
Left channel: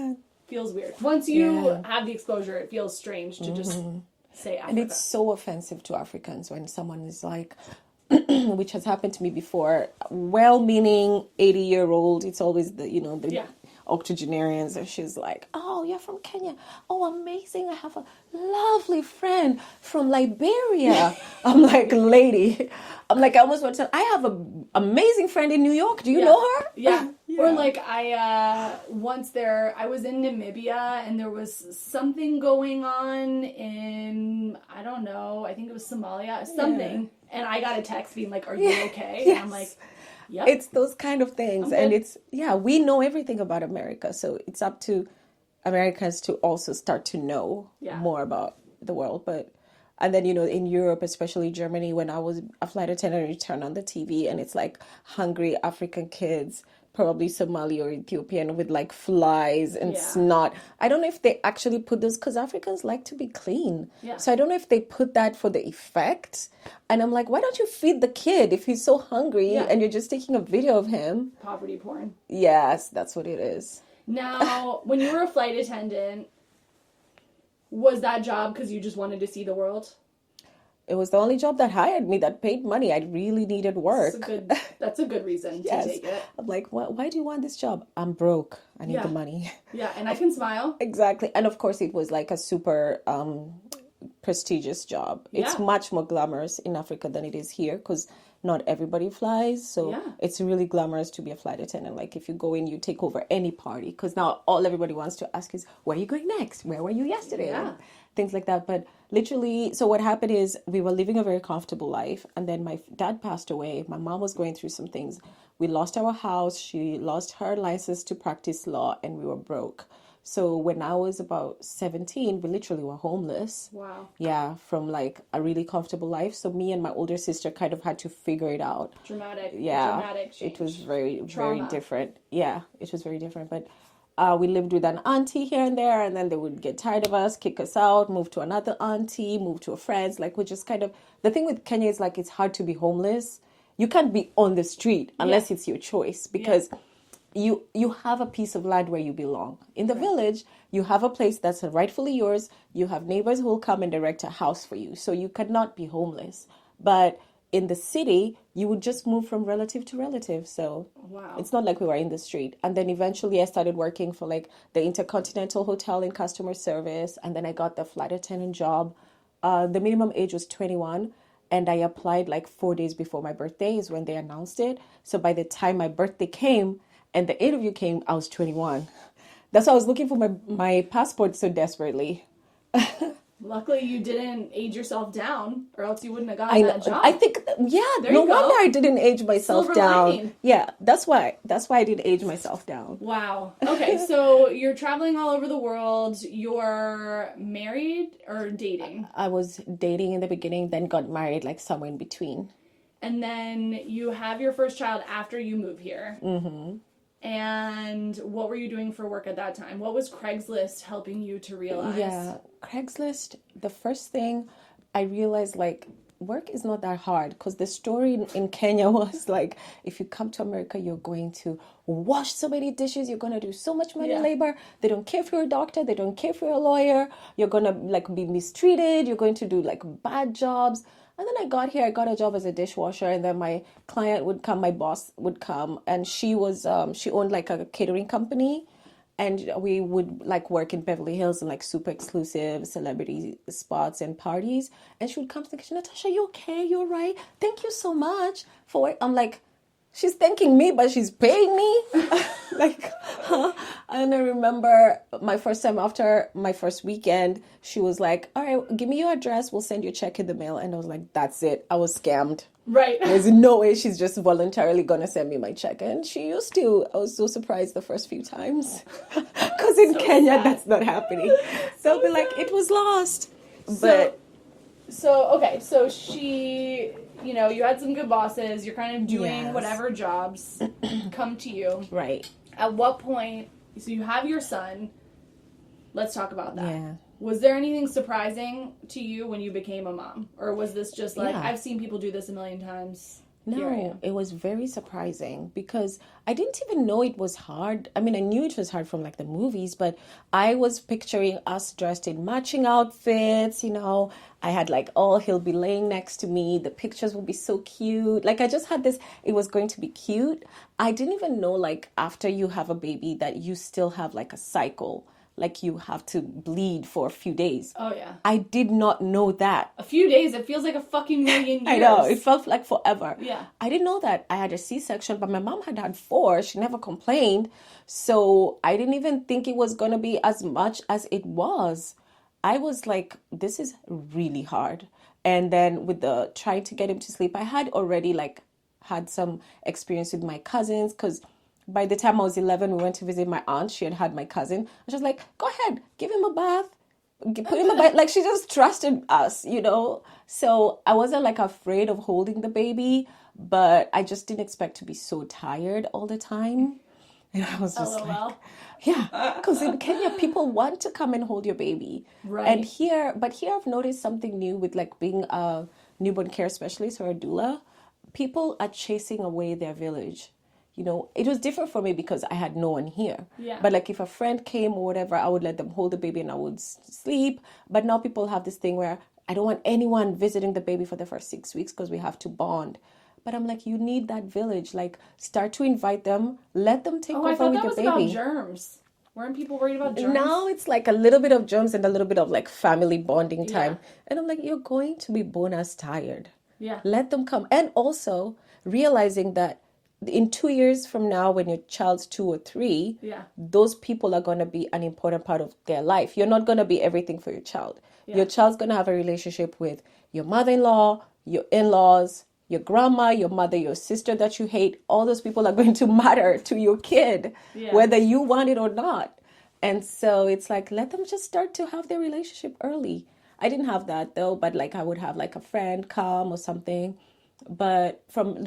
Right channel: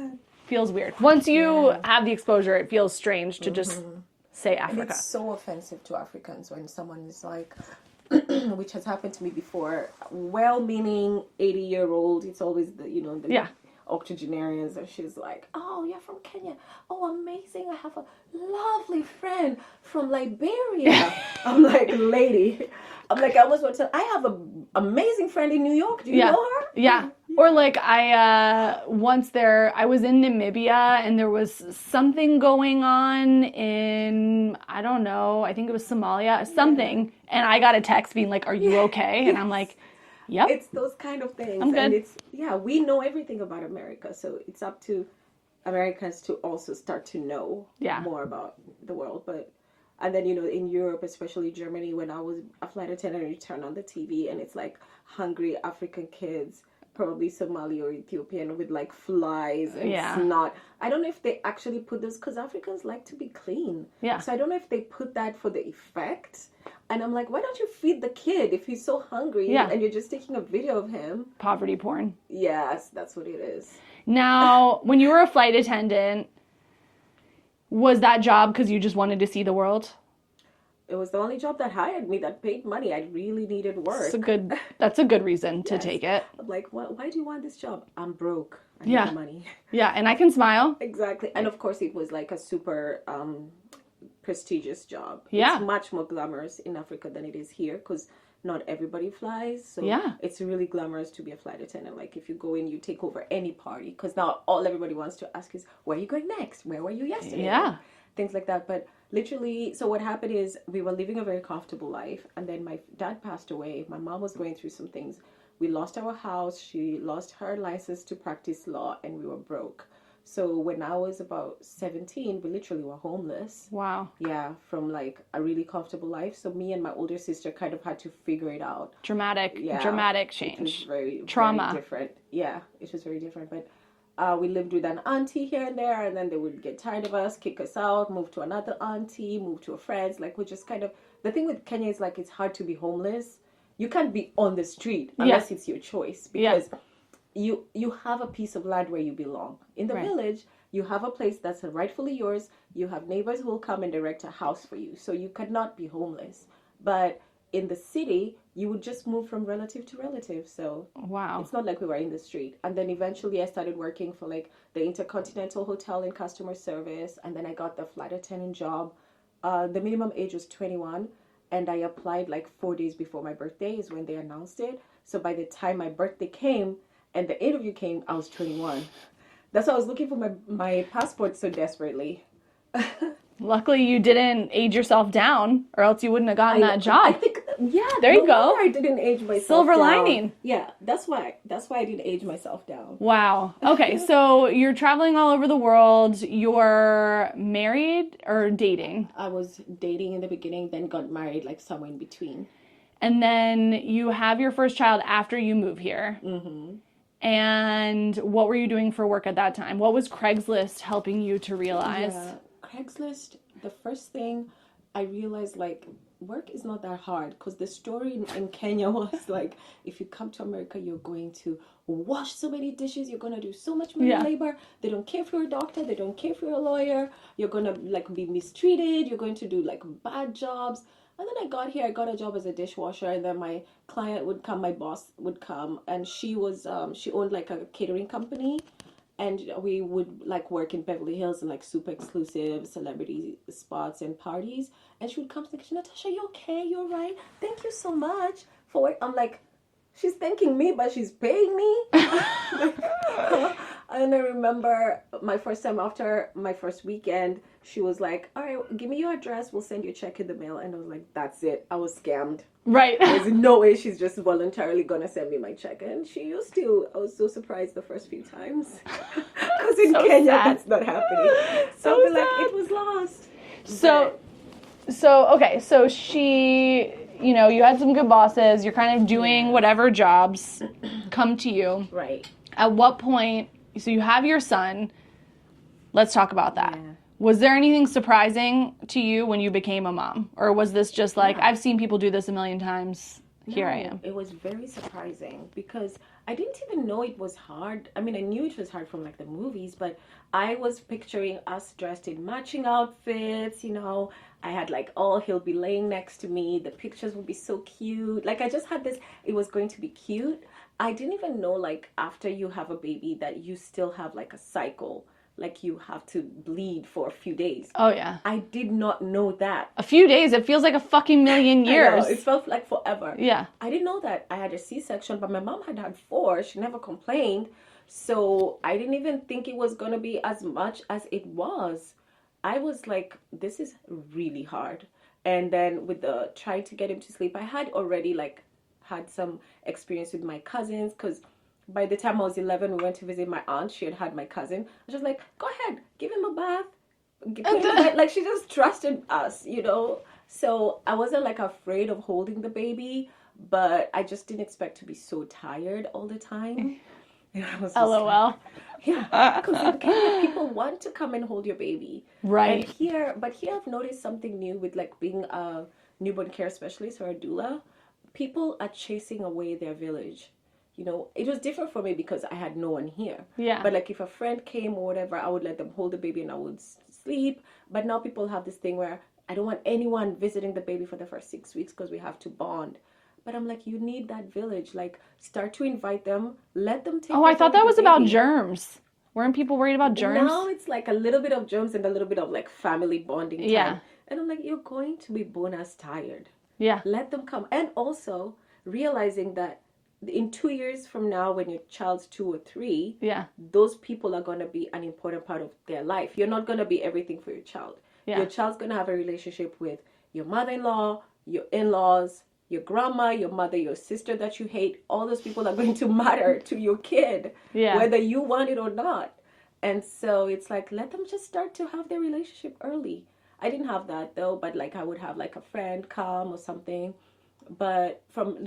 feels weird. Once you have the exposure, it feels strange to just say Africa. And it's so offensive to Africans when someone is like, which has happened to me before, well-meaning 80-year-old, it's always the octogenarians, and she's like, oh, you're from Kenya. Oh, amazing. I have a lovely friend from Liberia. I'm like, lady. I'm like, I almost want to say, I have an amazing friend in New York. Do you know her? Yeah. Or like I was in Namibia and there was something going on in, I don't know, I think it was Somalia, something. And I got a text being like, are you okay? And I'm like, yep. It's those kind of things. And it's, we know everything about America. So it's up to Americans to also start to know more about the world. And then, in Europe, especially Germany, when I was a flight attendant, you turn on the TV and it's like hungry African kids, probably Somali or Ethiopian, with like flies and snot. I don't know if they actually put those, because Africans like to be clean. Yeah. So I don't know if they put that for the effect. And I'm like, why don't you feed the kid if he's so hungry and you're just taking a video of him? Poverty porn. Yes, that's what it is. Now, when you were a flight attendant, was that job because you just wanted to see the world? It was the only job that hired me, that paid money. I really needed work. That's a good reason to take it. I'm like, why do you want this job? I'm broke. I need the money. Yeah, and I can smile. Exactly. And of course, it was like a super prestigious job. Yeah. It's much more glamorous in Africa than it is here because not everybody flies. So it's really glamorous to be a flight attendant. Like if you go in, you take over any party because now all everybody wants to ask is, where are you going next? Where were you yesterday? Yeah. Things like that. But literally, so what happened is we were living a very comfortable life. And then my dad passed away. My mom was going through some things. We lost our house. She lost her license to practice law and we were broke. So when I was about 17, we literally were homeless. Wow. Yeah, from like a really comfortable life. So me and my older sister kind of had to figure it out. Dramatic change. It was very Trauma. very different. Yeah, it was very different. But we lived with an auntie here and there, and then they would get tired of us, kick us out, move to another auntie, move to a friend's. Like we just kind of, the thing with Kenya is like it's hard to be homeless. You can't be on the street unless it's your choice because you have a piece of land where you belong. In the village, you have a place that's rightfully yours. You have neighbors who will come and direct a house for you. So you cannot be homeless. But in the city, you would just move from relative to relative. So it's not like we were in the street. And then eventually I started working for like the Intercontinental Hotel in customer service. And then I got the flight attendant job. The minimum age was 21. And I applied like 4 days before my birthday is when they announced it. So by the time my birthday came and the interview came, I was 21. That's why I was looking for my passport so desperately. Luckily, you didn't age yourself down, or else you wouldn't have gotten that job. I think, there you go. No wonder I didn't age myself Silver down. lining. Yeah, that's why I didn't age myself down. Wow. Okay, so you're traveling all over the world. You're married or dating? I was dating in the beginning, then got married, like somewhere in between. And then you have your first child after you move here. Mm-hmm. And what were you doing for work at that time? What was Craigslist helping you to realize? Yeah, Craigslist, the first thing I realized, like, work is not that hard because the story in Kenya was like, if you come to America, you're going to wash so many dishes, you're going to do so much manual labor. They don't care if you're a doctor, they don't care if you're a lawyer, you're going to like be mistreated, you're going to do like bad jobs. And then I got here, I got a job as a dishwasher, and then my client would come, my boss would come, and she owned like a catering company, and we would like work in Beverly Hills and like super exclusive celebrity spots and parties. And she would come to the kitchen, Natasha, you okay? You all right? Thank you so much for it. I'm like, she's thanking me, but she's paying me. Like, and I remember my first time after my first weekend, she was like, all right, give me your address. We'll send you a check in the mail. And I was like, that's it. I was scammed. Right. There's no way she's just voluntarily going to send me my check. And she used to. I was so surprised the first few times. Because in Kenya, sad. That's not happening. So I'll be like, it was lost. So she, you know, you had some good bosses. You're kind of doing whatever jobs come to you. Right. At what point, so you have your son. Let's talk about that. Yeah. Was there anything surprising to you when you became a mom? Or was this just like, I've seen people do this a million times, here I am? It was very surprising because I didn't even know it was hard. I mean, I knew it was hard from like the movies, but I was picturing us dressed in matching outfits, you know. I had like he'll be laying next to me. The pictures would be so cute. Like I just had this, it was going to be cute. I didn't even know like after you have a baby that you still have like a cycle. Like you have to bleed for a few days. Oh, yeah. I did not know that. A few days, it feels like a fucking million years. I know, it felt like forever. Yeah. I didn't know that. I had a C-section, but my mom had 4. She never complained. So I didn't even think it was going to be as much as it was. I was like, this is really hard. And then with the trying to get him to sleep, I had already like had some experience with my cousins because by the time I was 11, we went to visit my aunt. She had my cousin. I was just like, go ahead, give him a bath. Put him in a bath. Like, she just trusted us, you know? So I wasn't, like, afraid of holding the baby, but I just didn't expect to be so tired all the time. And I was just LOL. like, yeah, because in Kenya, people want to come and hold your baby. Right. And here I've noticed something new with, like, being a newborn care specialist or a doula. People are chasing away their village. You know, it was different for me because I had no one here. Yeah. But like if a friend came or whatever, I would let them hold the baby and I would sleep. But now people have this thing where I don't want anyone visiting the baby for the first 6 weeks because we have to bond. But I'm like, you need that village. Like, start to invite them. Let them take. Oh, I thought that was about germs. Weren't people worried about germs? Now it's like a little bit of germs and a little bit of like family bonding time. Yeah. And I'm like, you're going to be bonus tired. Yeah. Let them come. And also realizing that in 2 years from now, when your child's 2 or 3, those people are going to be an important part of their life. You're not going to be everything for your child. Yeah. Your child's going to have a relationship with your mother-in-law, your in-laws, your grandma, your mother, your sister that you hate. All those people are going to matter to your kid, whether you want it or not. And so it's like, let them just start to have their relationship early. I didn't have that though, but like I would have like a friend come or something. But from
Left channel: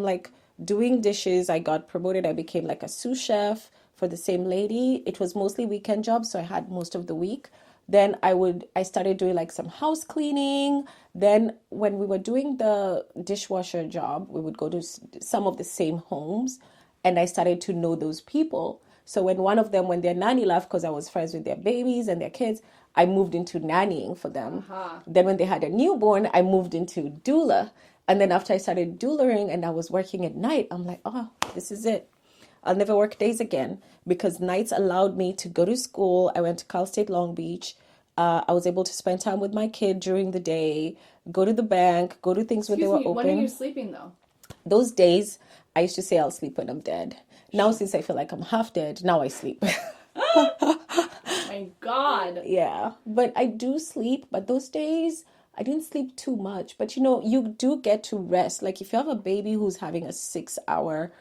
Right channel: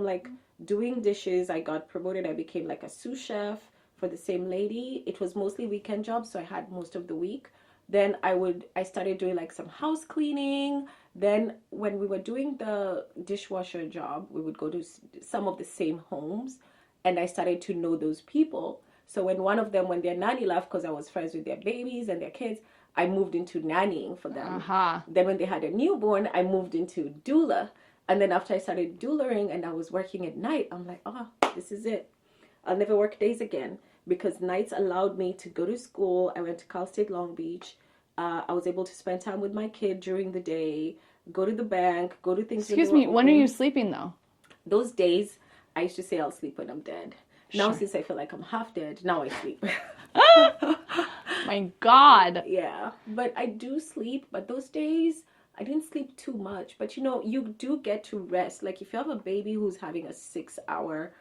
like doing dishes, I got promoted. I became like a sous chef for the same lady. It was mostly weekend jobs, so I had most of the week. Then I started doing like some house cleaning. Then when we were doing the dishwasher job, we would go to some of the same homes, and I started to know those people. So when their nanny left, because I was friends with their babies and their kids, I moved into nannying for them. Then when they had a newborn, I moved into doula. And then after I started doulaing and I was working at night, I'm like, oh, this is it. I'll never work days again because nights allowed me to go to school. I went to Cal State Long Beach. I was able to spend time with my kid during the day, go to the bank, go to things where they were open. When are you sleeping though? Those days, I used to say I'll sleep when I'm dead. Now, since I feel like I'm half dead, now I sleep. My God. Yeah, but I do sleep, but those days I didn't sleep too much. But you know, you do get to rest. Like if you have a baby who's having a 6-hour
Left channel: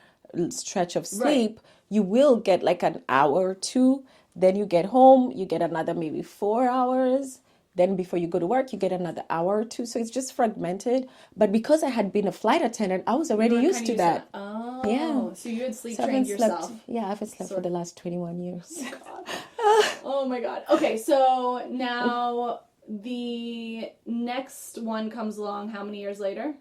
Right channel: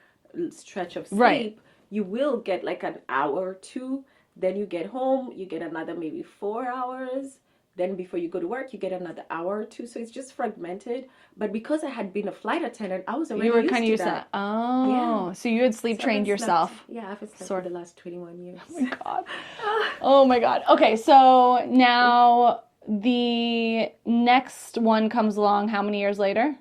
stretch of sleep, you will get like an hour or 2. Then you get home, you get another maybe 4 hours. Then before you go to work, you get another hour or 2. So it's just fragmented. But because I had been a flight attendant, I was already used to that. Oh, yeah. So you had sleep trained yourself. Yeah, I haven't slept for the last 21 years. Oh my God. Oh my God. Okay, so now the next one comes along how many years later?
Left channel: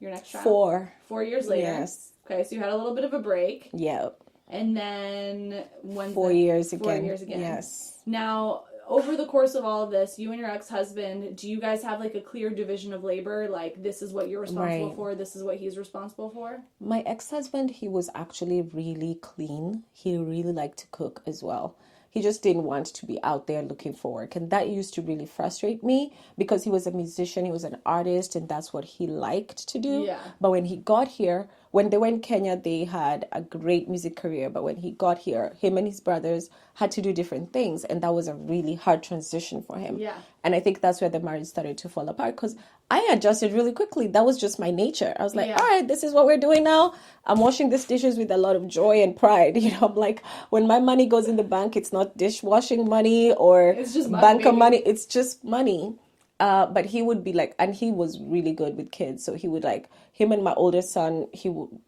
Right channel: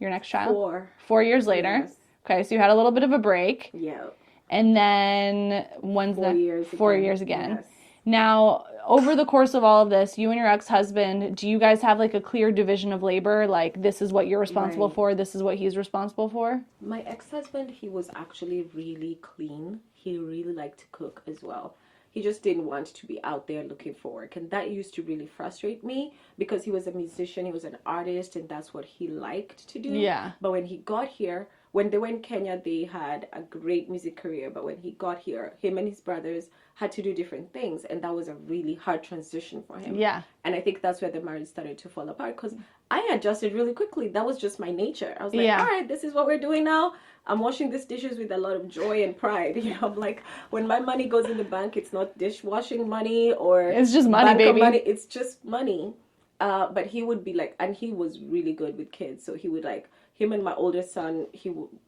Your next child? 4. 4 years later? Yes. Okay, so you had a little bit of a break. Yeah. And then 4 years again. 4 years again. Yes. Now, over the course of all of this, you and your ex-husband, do you guys have like a clear division of labor? Like, this is what you're responsible for, this is what he's responsible for? My ex-husband, he was actually really clean. He really liked to cook as well. He just didn't want to be out there looking for work. And that used to really frustrate me because he was a musician, he was an artist, and that's what he liked to do. Yeah. But when he got here, when they were in Kenya, they had a great music career. But when he got here, him and his brothers had to do different things. And that was a really hard transition for him. Yeah. And I think that's where the marriage started to fall apart because I adjusted really quickly. That was just my nature. I was like, all right, this is what we're doing now. I'm washing these dishes with a lot of joy and pride. You know, I'm like, when my money goes in the bank, it's not dishwashing money or it's just money, bank baby. money. It's just money. But he would be like, and he was really good with kids. So he would like, him and my older son,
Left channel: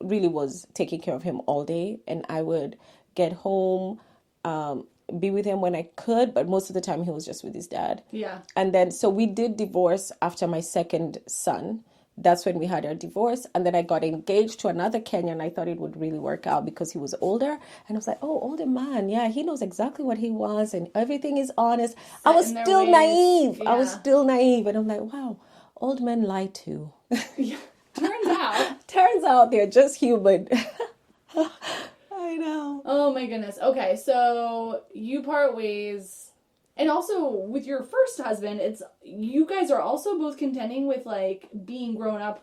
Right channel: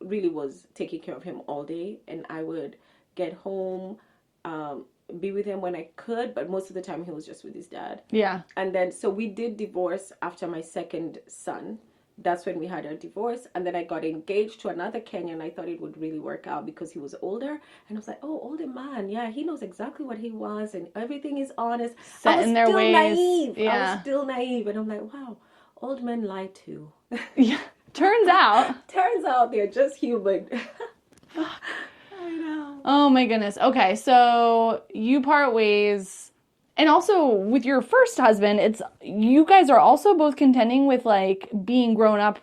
really was taking care of him all day. And I would get home, be with him when I could, but most of the time he was just with his dad. Yeah. And then, so we did divorce after my second son. That's when we had our divorce. And then I got engaged to another Kenyan. I thought it would really work out because he was older. And I was like, oh, older man. Yeah, he knows exactly what he wants and everything is honest. I was still naive. Yeah. I was still naive. And I'm like, wow, old men lie too. Yeah. Turns out they're just human. I know. Oh my goodness. Okay, so you part ways. And also with your first husband, it's you guys are also both contending with like being grown up,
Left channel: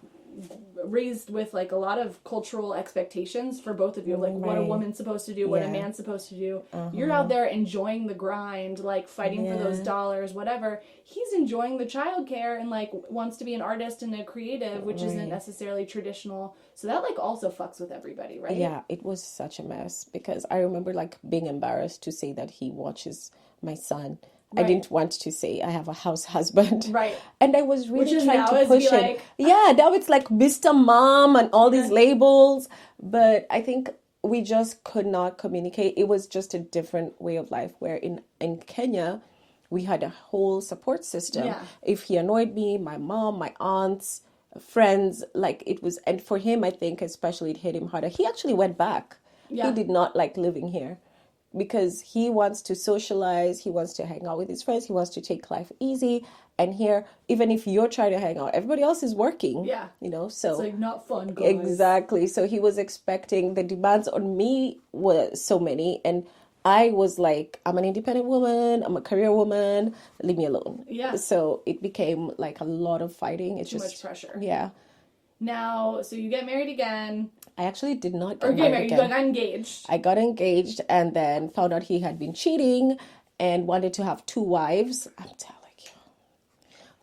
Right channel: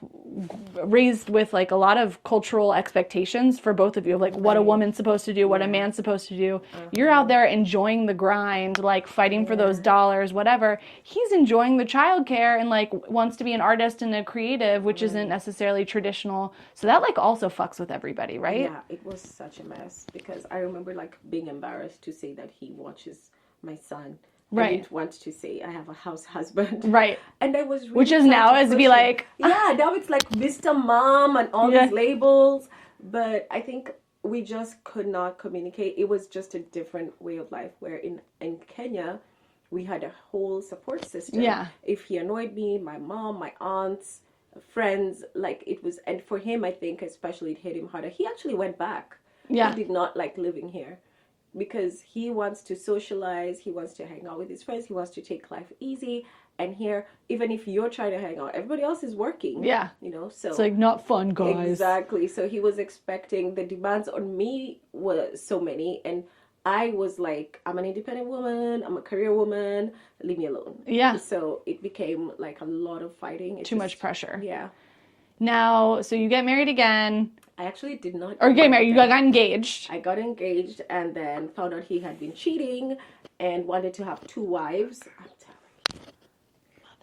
raised with like a lot of cultural expectations for both of you, like what a woman's supposed to do, what a man's supposed to do. You're out there enjoying the grind, like fighting for those dollars, whatever. He's enjoying the childcare and like wants to be an artist and a creative, which isn't necessarily traditional. So that like also fucks with everybody, right? Yeah, it was such a mess because I remember like being embarrassed to say that he watches my son. Right. I didn't want to say I have a house husband. Right. And I was really Which is trying now to as push be him. like... Yeah, now it's like Mr. Mom and all these labels. But I think we just could not communicate. It was just a different way of life where in Kenya, we had a whole support system. Yeah. If he annoyed me, my mom, my aunts, friends, like it was... And for him, I think especially it hit him harder. He actually went back. Yeah. He did not like living here. Because he wants to socialize, he wants to hang out with his friends, he wants to take life easy. And here, even if you're trying to hang out, everybody else is working. Yeah. You know, so... It's like not fun, guys. Exactly. So he was expecting, the demands on me were so many. And I was like, I'm an independent woman, I'm a career woman, leave me alone. Yeah. So it became like a lot of fighting. Too much pressure. Yeah. Now, so you get married again. I actually did not Get married. You got engaged. I got engaged and then found out he had been cheating and wanted to have 2 wives. I'm telling you.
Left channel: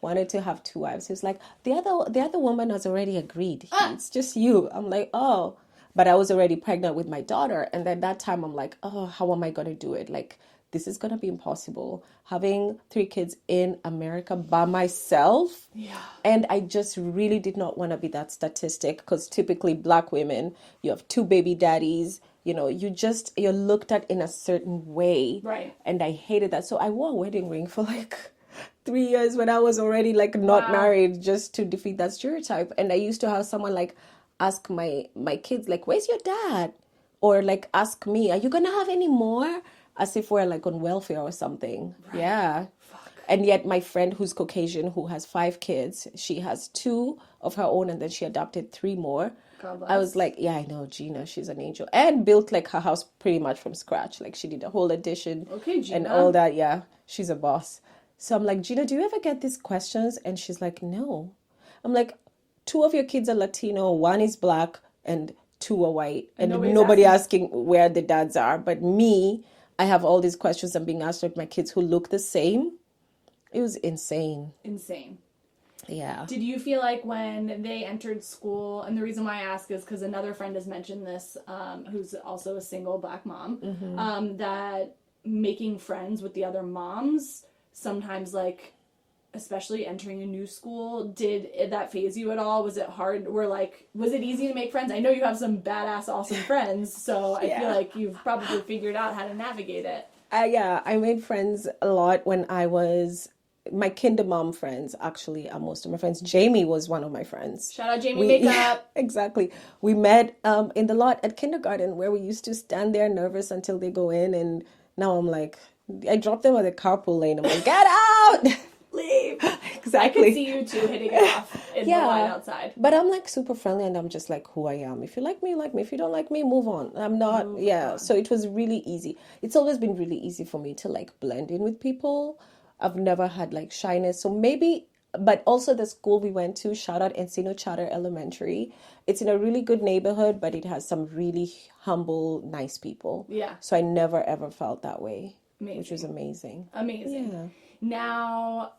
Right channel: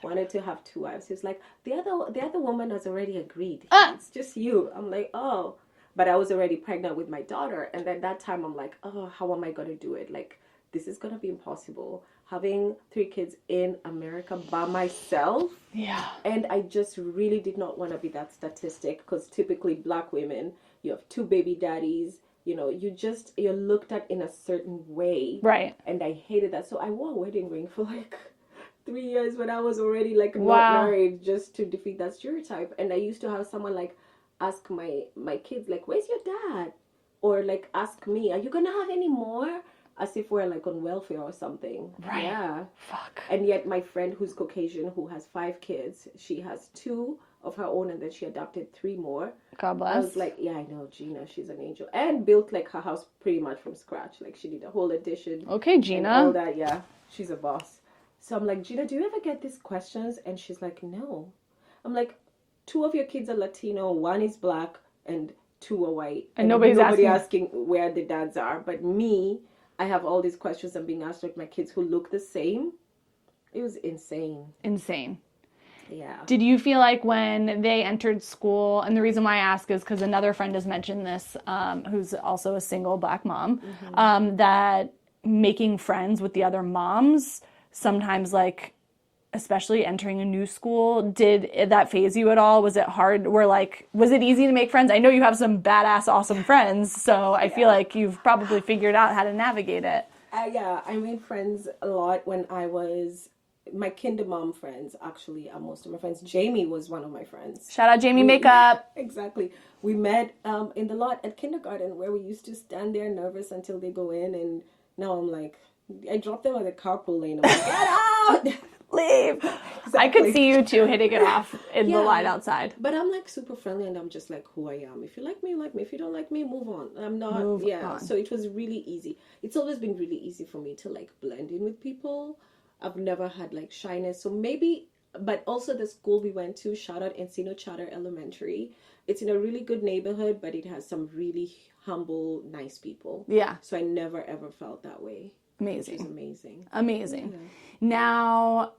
Wanted to have 2 wives. He was like, the other woman has already agreed. It's just you. I'm like, oh. But I was already pregnant with my daughter. And then that time I'm like, oh, how am I going to do it? Like, this is going to be impossible. Having 3 kids in America by myself. Yeah. And I just really did not want to be that statistic because typically Black women, you have 2 baby daddies. You know, you're looked at in a certain way. Right. And I hated that. So I wore a wedding ring for like 3 years when I was already like not married just to defeat that stereotype. And I used to have someone like ask my kids like, where's your dad? Or like ask me, are you going to have any more? As if we're like on welfare or something. Right. Yeah. Fuck. And yet my friend who's Caucasian, who has 5 kids, she has 2 of her own and then she adopted 3 more. God bless. I was like, yeah, I know, Gina, she's an angel. And built like her house pretty much from scratch. Like she did a whole addition. Okay, Gina. And all that, yeah. She's a boss. So I'm like, Gina, do you ever get these questions? And she's like, no. I'm like, 2 of your kids are Latino, 1 is Black, and 2 are white. And nobody asking where the dads are. But me... I have all these questions I'm being asked of my kids who look the same. It was insane. Insane. Yeah. Did you feel like when they entered school, and the reason why I ask is because another friend has mentioned this, who's also a single Black mom, that making friends with the other moms, sometimes like, especially entering a new school, did that phase you at all? Was it hard? Was it easy to make friends? I know you have some badass, awesome friends, so I feel like you've probably figured out how to navigate it. Yeah, I made friends a lot when I was... My kinder mom friends, actually, are most of my friends. Jamie was one of my friends. Shout out Jamie Makeup. Exactly. We met in the lot at kindergarten where we used to stand there nervous until they go in, and now I'm like... I dropped them at the carpool lane. I'm like, get out! Leave! Exactly. I could see you two hitting it off in the line outside. But I'm like super friendly and I'm just like who I am. If you like me, you like me. If you don't like me, move on. I'm not, So it was really easy. It's always been really easy for me to like blend in with people. I've never had like shyness. So maybe, but also the school we went to, shout out Encino Charter Elementary. It's in a really good neighborhood, but it has some really humble, nice people. Yeah. So I never ever felt that way. Amazing. Which is amazing. Amazing. Yeah. Now,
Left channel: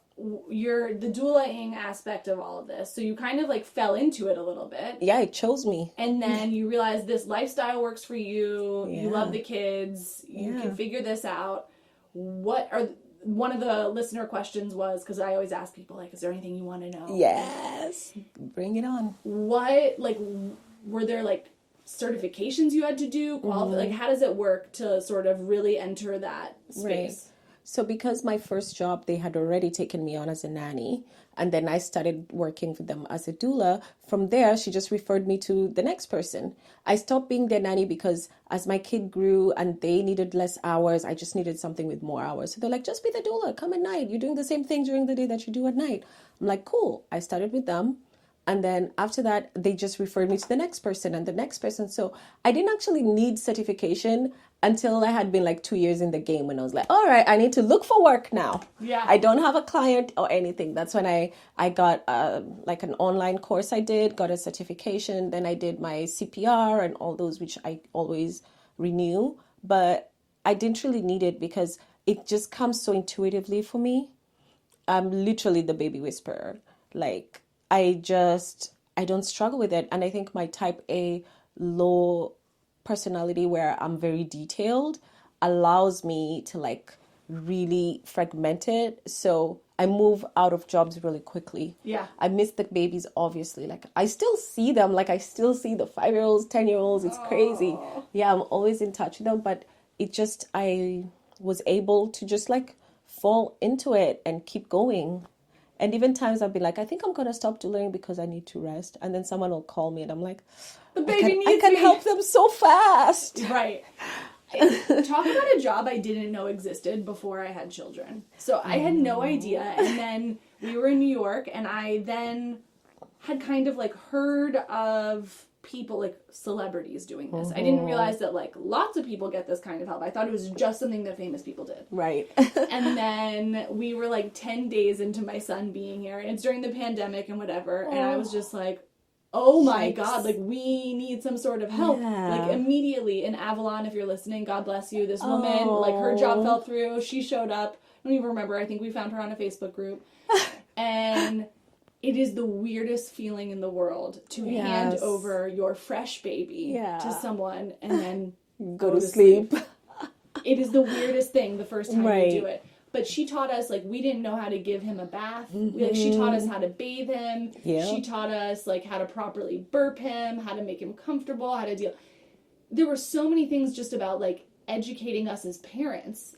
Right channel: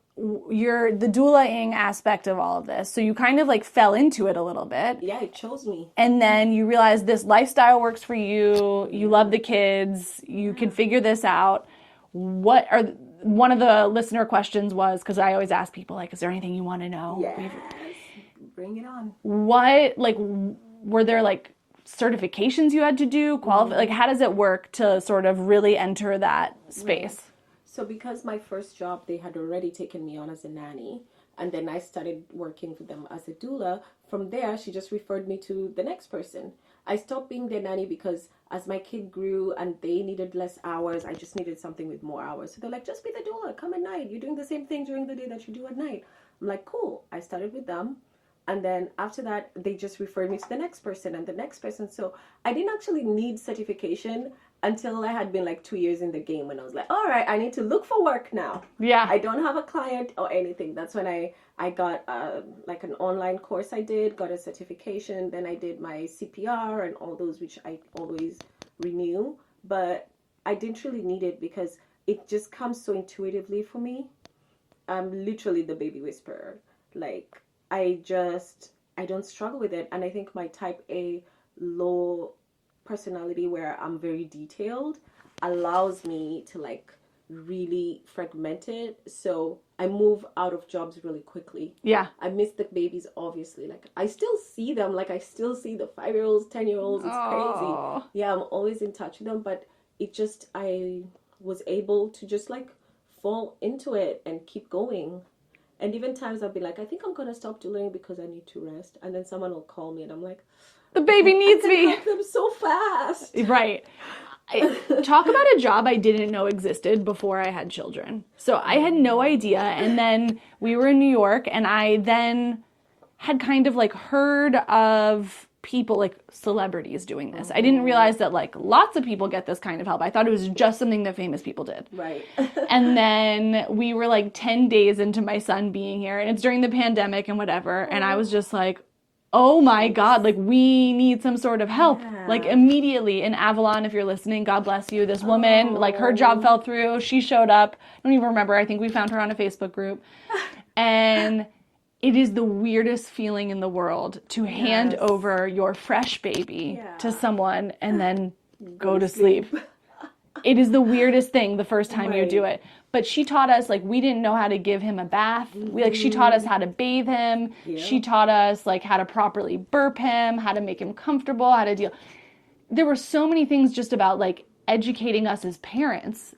you're the doula-ing aspect of all of this. So you kind of like fell into it a little bit. Yeah, it chose me. And then you realize this lifestyle works for you. You love the kids. You can figure this out. What are one of the listener questions was, because I always ask people, like, is there anything you want to know? Yes. Bring it on. What, like, were there like certifications you had to do? Like, how does it work to sort of really enter that space? Right. So because my first job, they had already taken me on as a nanny, and then I started working for them as a doula. From there, she just referred me to the next person. I stopped being their nanny because as my kid grew and they needed less hours, I just needed something with more hours. So they're like, just be the doula, come at night. You're doing the same thing during the day that you do at night. I'm like, cool. I started with them. And then after that, they just referred me to the next person and the next person. So I didn't actually need certification until I had been like 2 years in the game, when I was like, all right, I need to look for work now. Yeah. I don't have a client or anything. That's when I got like an online course I did, got a certification. Then I did my CPR and all those, which I always renew. But I didn't really need it because it just comes so intuitively for me. I'm literally the baby whisperer. Like, I don't struggle with it. And I think my type A low personality, where I'm very detailed, allows me to like really fragment it. So I move out of jobs really quickly. Yeah. I miss the babies, obviously. Like, I still see them. Like, I still see the 5-year-olds, 10-year-olds. It's crazy. Yeah, I'm always in touch with them. But it just, I was able to just like fall into it and keep going. And even times I'll be like, I think I'm going to stop doing because I need to rest. And then someone will call me and I'm like, the baby needs me. I can me. help them so fast. Right. Talk about a job I didn't know existed before I had children. So I had no idea. And then we were in New York, and I then had kind of like heard of people, like celebrities doing this. I didn't realize that like lots of people get this kind of help. I thought it was just something that famous people did. Right. And then we were like 10 days into my son being here, and it's during the pandemic and whatever. And I was just like, oh my God, like we need some sort of help. Yeah. Like immediately in Avalon, if you're listening, God bless you. This woman, like her job fell through. She showed up. I don't even remember. I think we found her on a Facebook group. And it is the weirdest feeling in the world to hand over your fresh baby to someone and then go to sleep. It is the weirdest thing the first time you do it. But she taught us, like, we didn't know how to give him a bath. She taught us how to bathe him. Yeah. She taught us, like, how to properly burp him, how to make him comfortable, how to deal. There were so many things just about, like, educating us as parents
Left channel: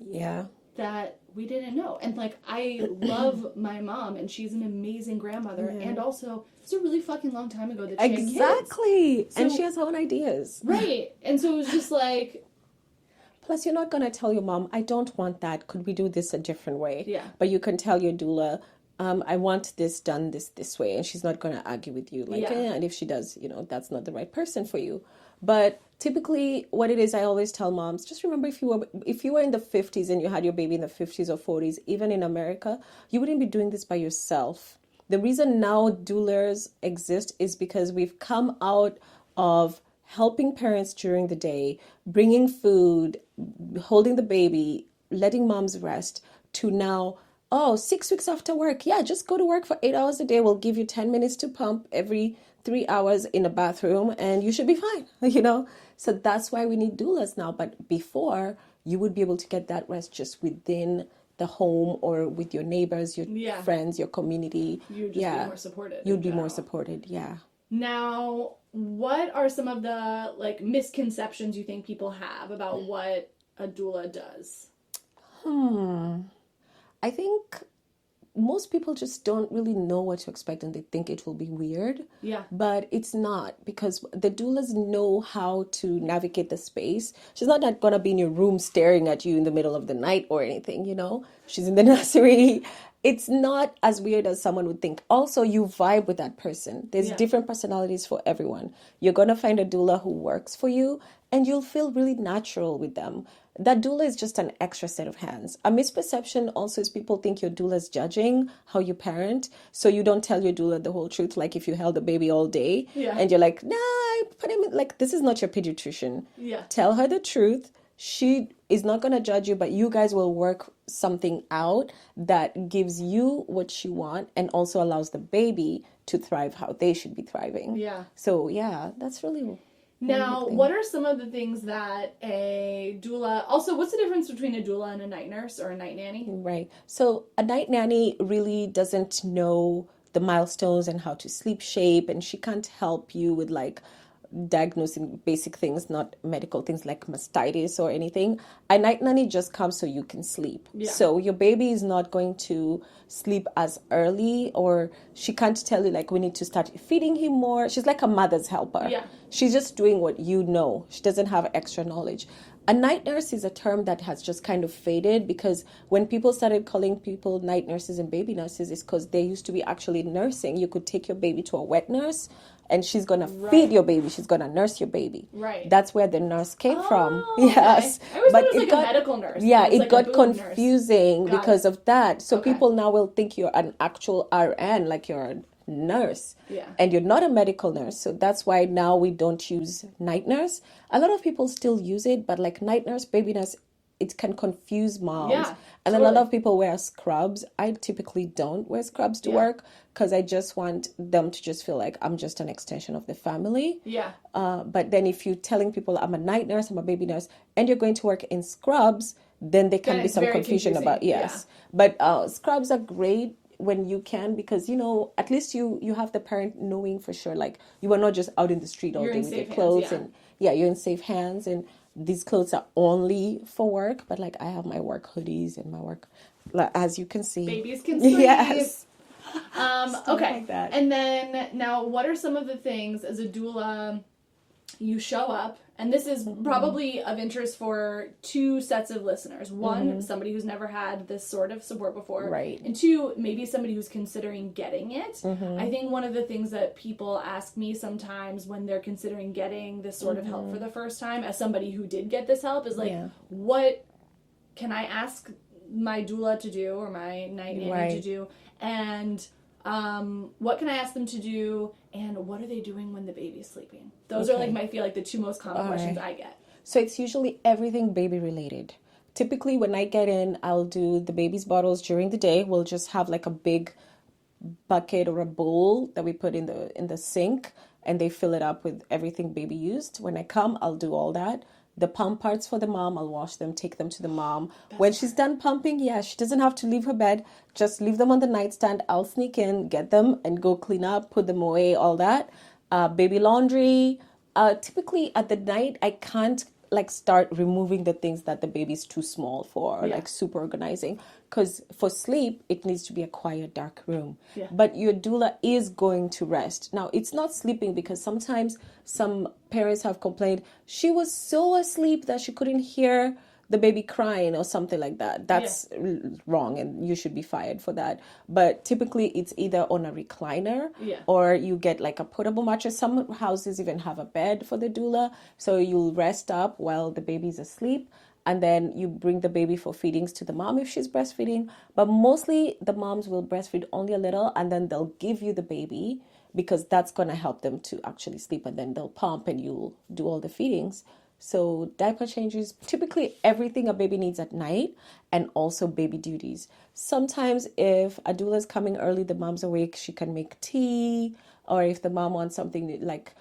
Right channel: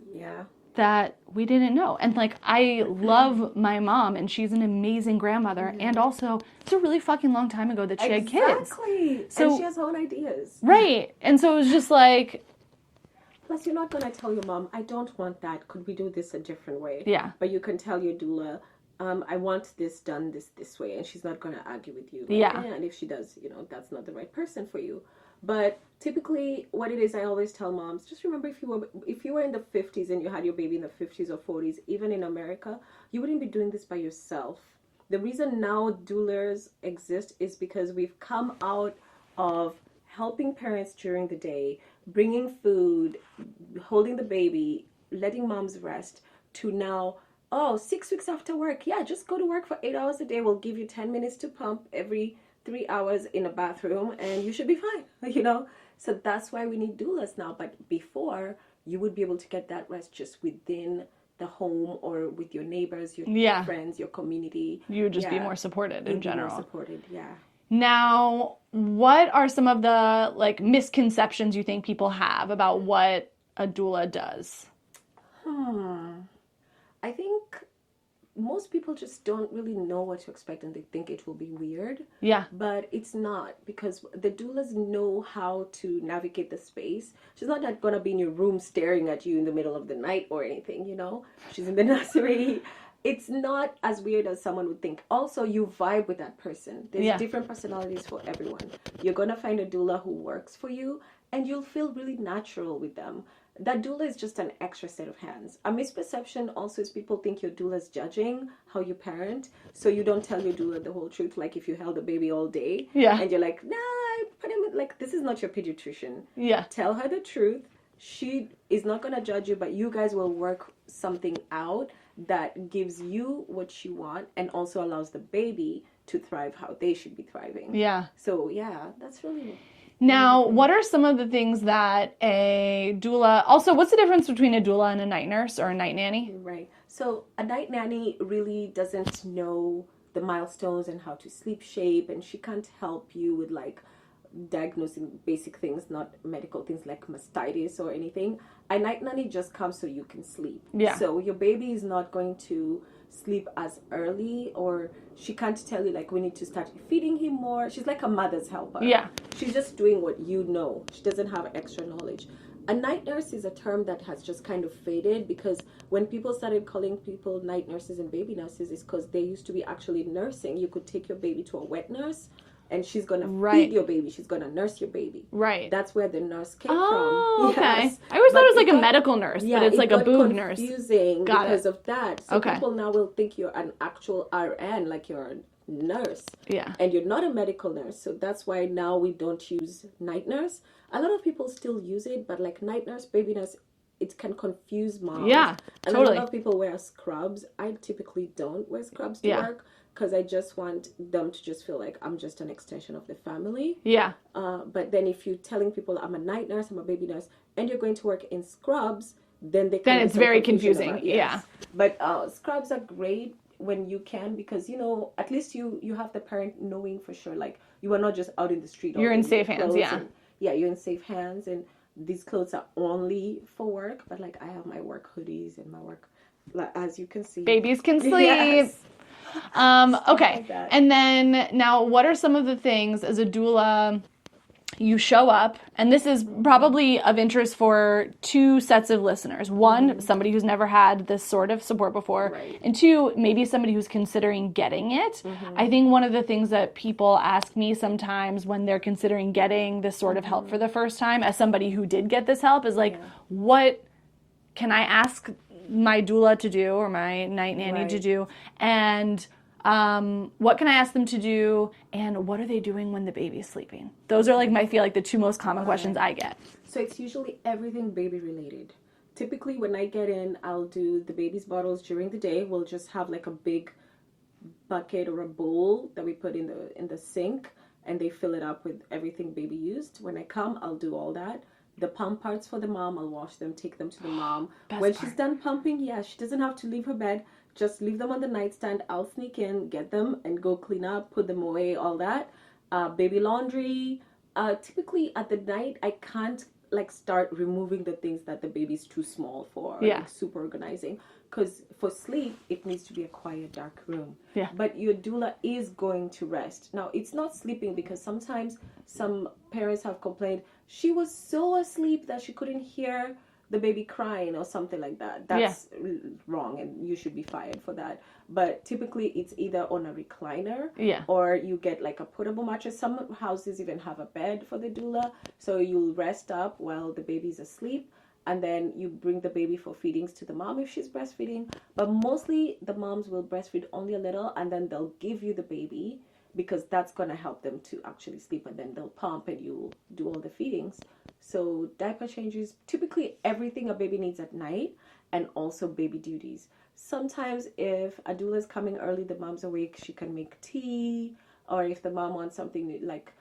that we didn't know. And, like, I love my mom, and she's an amazing grandmother. Yeah. And also, it's a really fucking long time ago that she had kids. Exactly. So, and she has her own ideas. Right. And so it was just like... Plus, you're not going to tell your mom, I don't want that. Could we do this a different way? Yeah. But you can tell your doula, I want this done this way. And she's not going to argue with you. Like, and if she does, you know, that's not the right person for you. But typically what it is, I always tell moms, just remember if you were in the 50s and you had your baby in the 50s or 40s, even in America, you wouldn't be doing this by yourself. The reason now doulas exist is because we've come out of helping parents during the day, bringing food, holding the baby, letting moms rest, to now, 6 weeks after work, just go to work for 8 hours a day. We'll give you 10 minutes to pump every 3 hours in a bathroom and you should be fine, you know? So that's why we need doulas now. But before, you would be able to get that rest just within the home or with your neighbors, your friends, your community. You would just be more supported in general. You'd be more supported, Now, what are some of the like misconceptions you think people have about what a doula does? I think most people just don't really know what to expect and they think it will be weird. Yeah. But it's not, because the doulas know how to navigate the space. She's not going to be in your room staring at you in the middle of the night or anything, you know? She's in the nursery. It's not as weird as someone would think. Also, you vibe with that person. There's different personalities for everyone. You're going to find a doula who works for you and you'll feel really natural with them. That doula is just an extra set of hands. A misperception also is people think your doula is judging how you parent. So you don't tell your doula the whole truth. Like if you held a baby all day and you're like, nah, I put him in, like, this is not your pediatrician. Yeah. Tell her the truth. She is not going to judge you, but you guys will work something out that gives you what you want and also allows the baby to thrive how they should be thriving. Yeah. So yeah, that's really... Now, what are some of the things that a doula... Also, what's the difference between a doula and a night nurse or a night nanny? Right. So a night nanny really doesn't know the milestones and how to sleep shape, and she can't help you with like diagnosing basic things, not medical things like mastitis or anything. A night nanny just comes so you can sleep. Yeah. So your baby is not going to sleep as early, or she can't tell you like we need to start feeding him more. She's like a mother's helper. Yeah. She's just doing what you know. She doesn't have extra knowledge. A night nurse is a term that has just kind of faded, because when people started calling people night nurses and baby nurses, it's because they used to be actually nursing. You could take your baby to a wet nurse and she's going to feed your baby. She's going to nurse your baby. Right. That's where the nurse came from. Okay. Yes. I always thought it was like a medical nurse. Yeah, it's it like got a boob nurse. confusing because of that. So Okay. people now will think you're an actual RN, like you're a nurse. Yeah. And you're not a medical nurse. So that's why now we don't use night nurse. A lot of people still use it, but like night nurse, baby nurse, it can confuse moms. Yeah, and totally. a lot of people wear scrubs. I typically don't wear scrubs to work, because I just want them to just feel like I'm just an extension of the family. Yeah. But then if you're telling people I'm a night nurse, I'm a baby nurse, and you're going to work in scrubs, then there can be it's some very confusion confusing. about But scrubs are great when you can, because you know, at least you have the parent knowing for sure, like you are not just out in the street all You're day in with safe your hands, clothes. yeah. And you're in safe hands, and these clothes are only for work. But like I have my work hoodies and my work, as you can see, Babies can sleep. Yes. Okay. like that. And then now, what are some of the things as a doula you show up? And this is probably of interest for two sets of listeners. One, somebody who's never had this sort of support before. Right. And two, maybe somebody who's considering getting it. I think one of the things that people ask me sometimes when they're considering getting this sort of help for the first time, as somebody who did get this help, is like, what can I ask my doula to do or my night nanny to do? And what can I ask them to do? And what are they doing when the baby's sleeping? Those are like I feel like the two most common questions I get. So it's usually everything baby related. Typically when I get in, I'll do the baby's bottles during the day. We'll just have like a big bucket or a bowl that we put in the sink, and they fill it up with everything baby used. When I come, I'll do all that. The pump parts for the mom, I'll wash them, take them to the mom. When she's done pumping, she doesn't have to leave her bed. Just leave them on the nightstand. I'll sneak in, get them, and go clean up, put them away, all that. Baby laundry. Typically at the night, I can't like start removing the things that the baby's too small for, like super organizing. Because for sleep, it needs to be a quiet, dark room. Yeah. But your doula is going to rest. Now, it's not sleeping, because sometimes some parents have complained she was so asleep that she couldn't hear the baby crying or something like that. That's wrong, and you should be fired for that. But typically, it's either on a recliner or you get like a portable mattress. Some houses even have a bed for the doula, so you'll rest up while the baby's asleep. And then you bring the baby for feedings to the mom if she's breastfeeding. But mostly the moms will breastfeed only a little, and then they'll give you the baby, because that's going to help them to actually sleep. And then they'll pump and you'll do all the feedings. So diaper changes, typically everything a baby needs at night, and also baby duties. Sometimes if a doula is coming early, the mom's awake, she can make tea. Or if the mom wants something like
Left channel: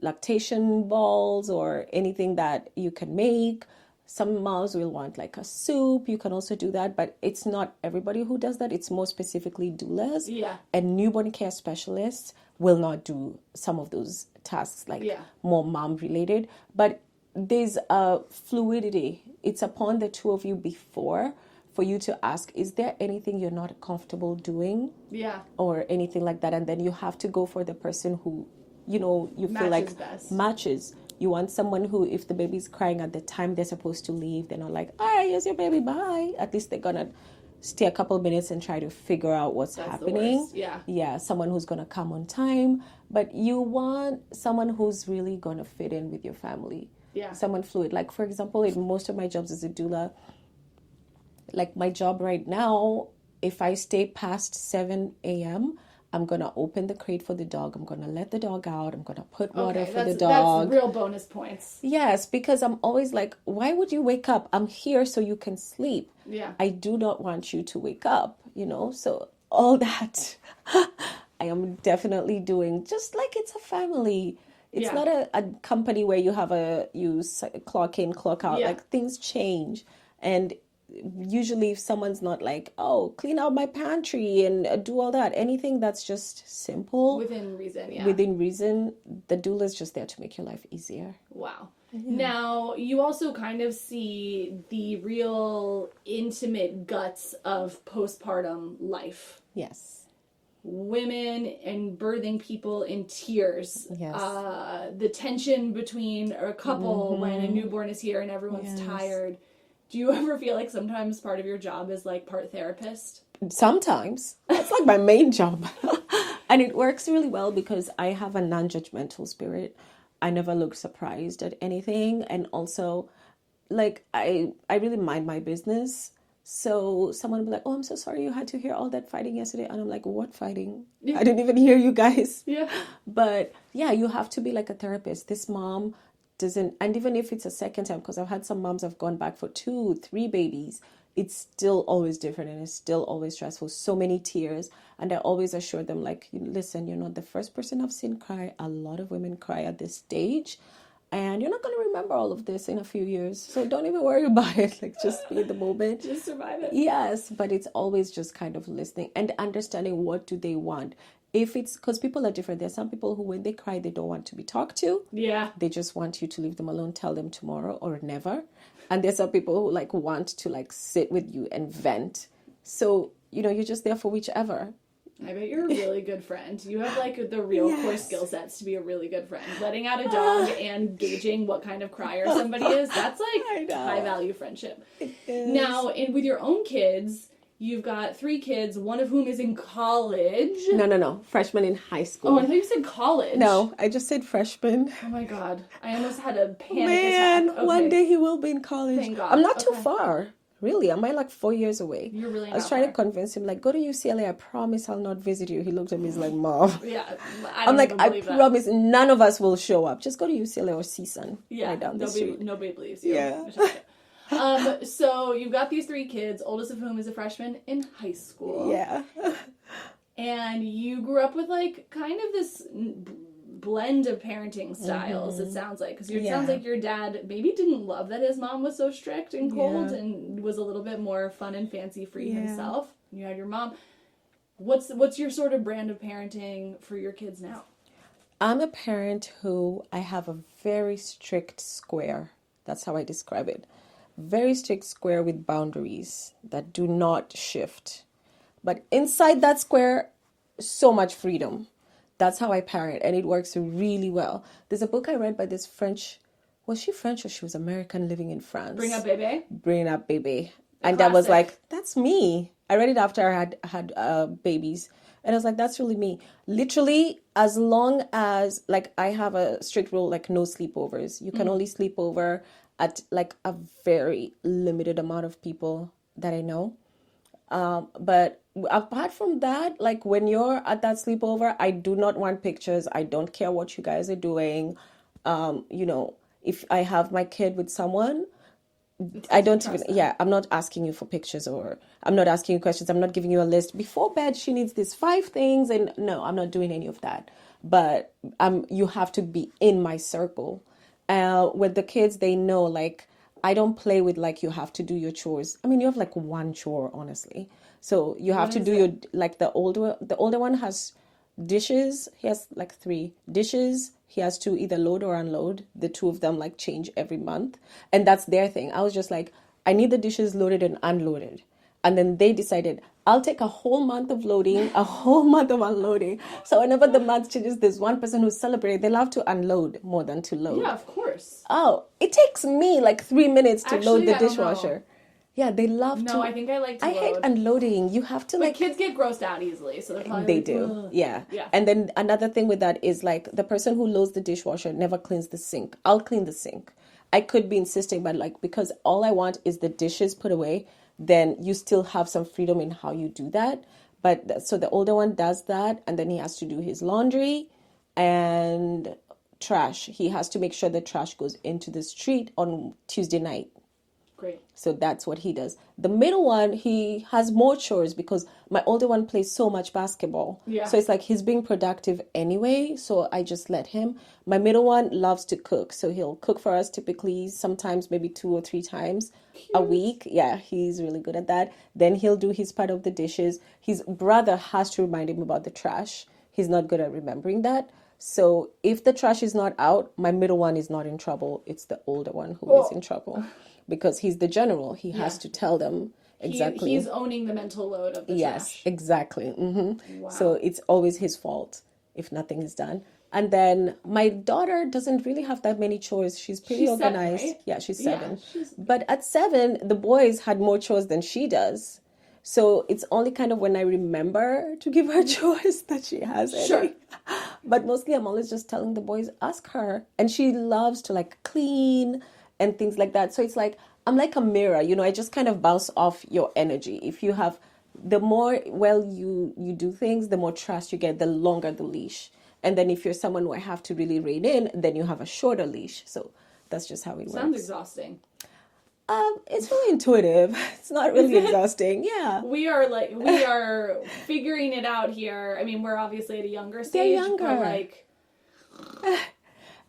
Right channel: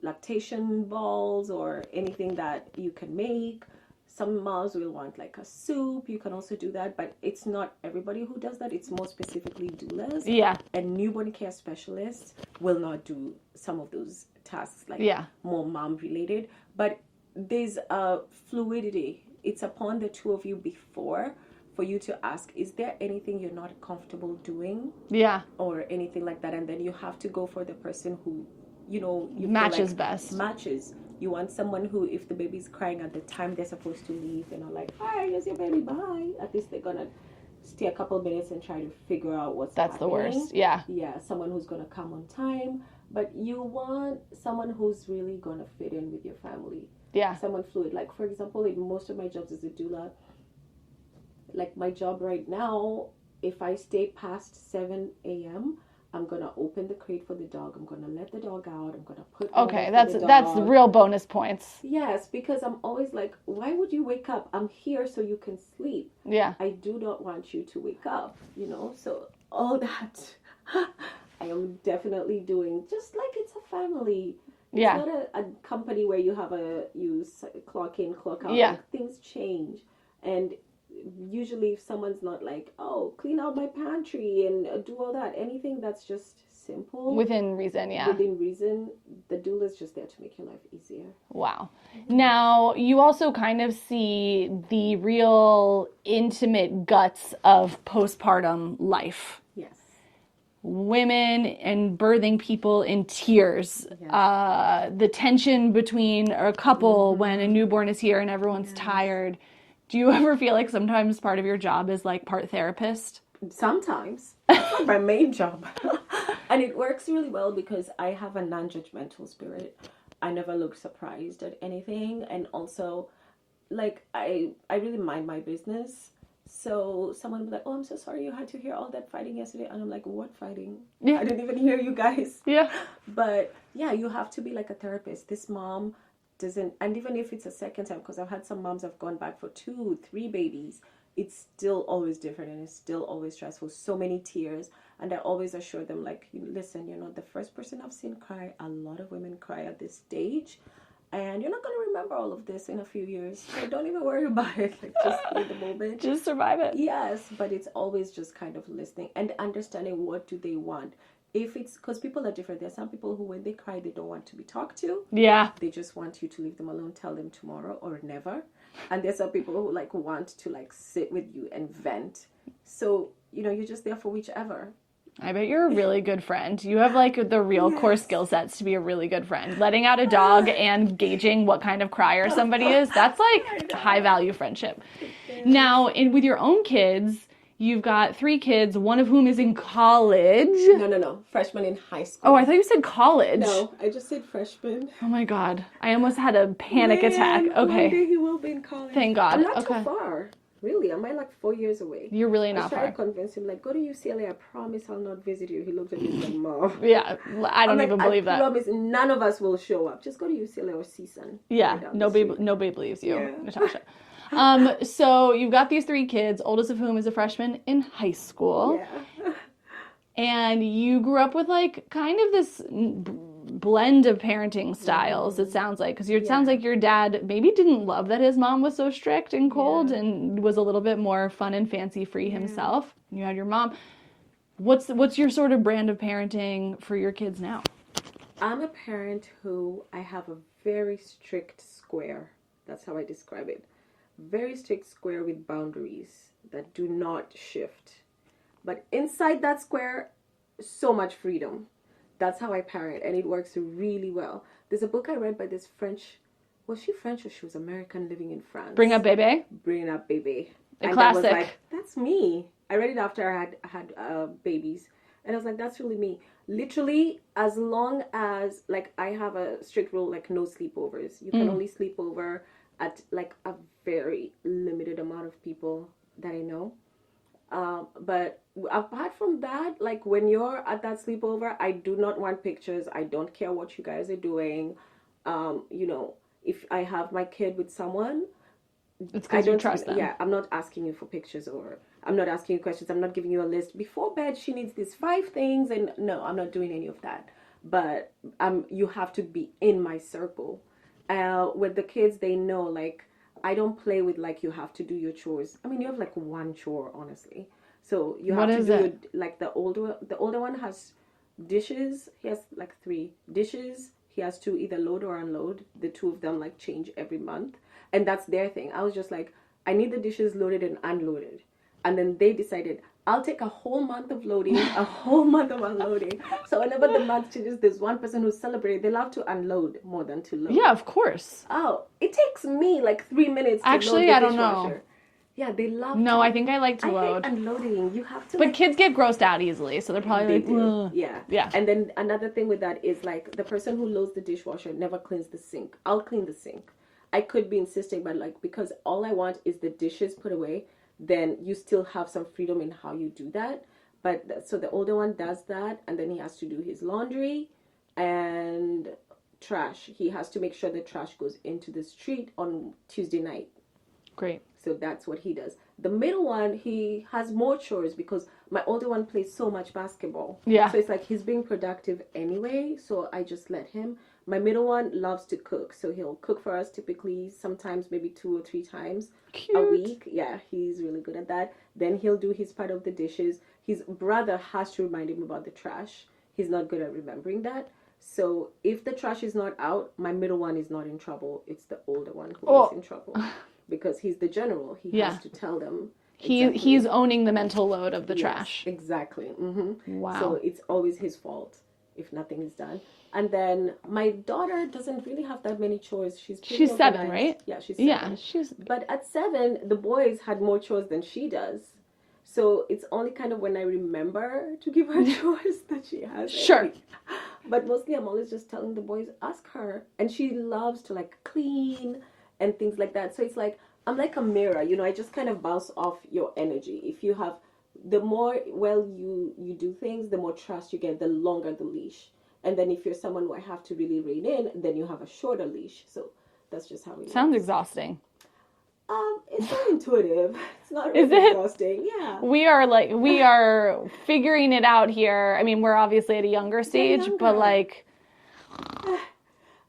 lactation balls or anything that you can make. Some moms will want like a soup. You can also do that, but it's not everybody who does that. It's more specifically doulas. Yeah. And newborn care specialists will not do some of those tasks, like more mom related. But there's a fluidity. It's upon the two of you before. for you to ask, is there anything you're not comfortable doing? Yeah. Or anything like that. And then you have to go for the person who, you know, you feel Matches like best. matches. You want someone who, if the baby's crying at the time they're supposed to leave, they're not like, all right, here's your baby, bye. At least they're gonna stay a couple of minutes and try to figure out what's happening. That's the worst. Yeah. Yeah, someone who's gonna come on time. But you want someone who's really gonna fit in with your family. Yeah. Someone fluid. Like, for example, in most of my jobs as a doula, like my job right now, if I stay past 7 a.m., I'm going to open the crate for the dog. I'm going to let the dog out. I'm going to put water for the dog. That's real bonus points. Yes, because I'm always like, why would you wake up? I'm here so you can sleep. Yeah. I do not want you to wake up, you know? So all that I am definitely doing, just like it's a family. It's not a company where you have you clock in, clock out. Yeah. Like, things change. And usually if someone's not like, oh, clean out my pantry and do all that, anything that's just simple. Within reason, yeah. Within reason, the doula is just there to make your life easier. Wow. Now, you also kind of see the real intimate guts of postpartum life. Yes. Women and birthing people in tears. Yes. The tension between a couple when a newborn is here and everyone's tired. Do you ever feel like sometimes part of your job is like part therapist? Sometimes. That's like my main job. And it works really well because I have a non-judgmental spirit. I never look surprised at anything. And also, like, I really mind my business. So someone will be like, oh, I'm so sorry you had to hear all that fighting yesterday. And I'm like, what fighting? Yeah. I didn't even hear you guys. Yeah. But yeah, you have to be like a therapist. This mom doesn't, and even if it's a second time, because I've had some moms have gone back for 2, 3 babies, it's still always different and it's still always stressful. So many tears. And I always assure them, like, listen, you're not the first person I've seen cry. A lot of women cry at this stage. And you're not going to remember all of this in a few years. So don't even worry about it. Like, just be in the moment. Just survive it. Yes, but it's always just kind of listening and understanding what do they want. If it's, because people are different. There are some people who, when they cry, they don't want to be talked to. Yeah. They just want you to leave them alone, tell them tomorrow or never. And there's some people who like want to like sit with you and vent. So, you're just there for whichever. I bet you're a really good friend. You have like the real core skill sets to be a really good friend. Letting out a dog and gauging what kind of crier somebody is, that's like high value friendship. Now, with your own kids, you've got 3 kids, one of whom is in college. No. Freshman in high school. Oh, I thought you said college. No, I just said freshman. Oh my God. I almost had a panic attack. Okay. One day he will be in college. Thank God. I'm not too far. Really, am I like 4 years away? You're really not I was trying far. to convince him, like, go to UCLA. I promise I'll not visit you. He looked at me, he's like, Mom. Yeah, I don't even believe that. I promise none of us will show up. Just go to UCLA or CSUN. Yeah, right nobody believes you, Yeah. Natasha. So you've got these 3 kids, oldest of whom is a freshman in high school. Yeah. And you grew up with like kind of this blend of parenting styles, it sounds like, because it sounds like your dad maybe didn't love that his mom was so strict and cold and was a little bit more fun and fancy free himself. You had your mom. What's your sort of brand of parenting for your kids now? I'm a parent who I have a very strict square. That's how I describe it. Very strict square with boundaries that do not shift. But inside that square, so much freedom. That's how I parent, and it works really well. There's a book I read by this French, was she French or she was American living in France? Bring Up Bébé? Bring Up Bébé. And classic. I was like, that's me. I read it after I had babies. And I was like, that's really me. Literally, as long as, like, I have a strict rule, like, no sleepovers. You can only sleep over at, like, a very limited amount of people that I know. But apart from that, like, when you're at that sleepover, I do not want pictures. I don't care what you guys are doing. If I have my kid with someone, I don't trust them. Yeah, I'm not asking you for pictures, or I'm not asking you questions. I'm not giving you a list. Before bed, she needs these 5 things, and no, I'm not doing any of that. But you have to be in my circle. With the kids, they know, like, I don't play with, like, you have to do your chores. I mean, you have like one chore, honestly. So you have to do your, like, the older one has dishes. He has like 3 dishes. He has to either load or unload. The 2 of them like change every month. And that's their thing. I was just like, I need the dishes loaded and unloaded. And then they decided, I'll take a whole month of loading, a whole month of unloading. So whenever the month changes, there's one person who's celebrating. They love to unload more than to load. Yeah, of course. Oh, it takes me like 3 minutes to Actually, load the I don't dishwasher. know. Yeah, they love to. No, I think I like to I load. hate unloading. You have to But like... kids get grossed out easily, so they're probably They like, do. "Ugh." Yeah. Yeah. And then another thing with that is like the person who loads the dishwasher never cleans the sink. I'll clean the sink. I could be insisting, but like because all I want is the dishes put away, then you still have some freedom in how you do that. But so the older one does that, and then he has to do his laundry and trash. He has to make sure the trash goes into the street on Tuesday night. Great. So that's what he does. The middle one, he has more chores because my older one plays so much basketball. Yeah. So it's like he's being productive anyway. So I just let him. My middle one loves to cook. So he'll cook for us typically, sometimes maybe 2 or 3 times a week. Yeah, he's really good at that. Then he'll do his part of the dishes. His brother has to remind him about the trash. He's not good at remembering that. So if the trash is not out, my middle one is not in trouble. It's the older one who is in trouble. Because he's the general. He has to tell them exactly. He's owning the mental load of the Yes, trash. exactly. Mm-hmm. Wow. So it's always his fault if nothing is done. And then my daughter doesn't really have that many chores. She's pretty She's organized. 7, right? Yeah, she's 7. Yeah, But at 7, the boys had more chores than she does. So it's only kind of when I remember to give her chores that she has. Sure. But mostly I'm always just telling the boys, ask her. And she loves to like clean and things like that. So it's like, I'm like a mirror, you know, I just kind of bounce off your energy. If you have, the more well you do things, the more trust you get, the longer the leash. And then if you're someone who I have to really rein in, then you have a shorter leash. So that's just how it Sounds works. exhausting. It's very intuitive. It's not really exhausting. Yeah. We are figuring it out here. I mean, we're obviously at a younger stage, but like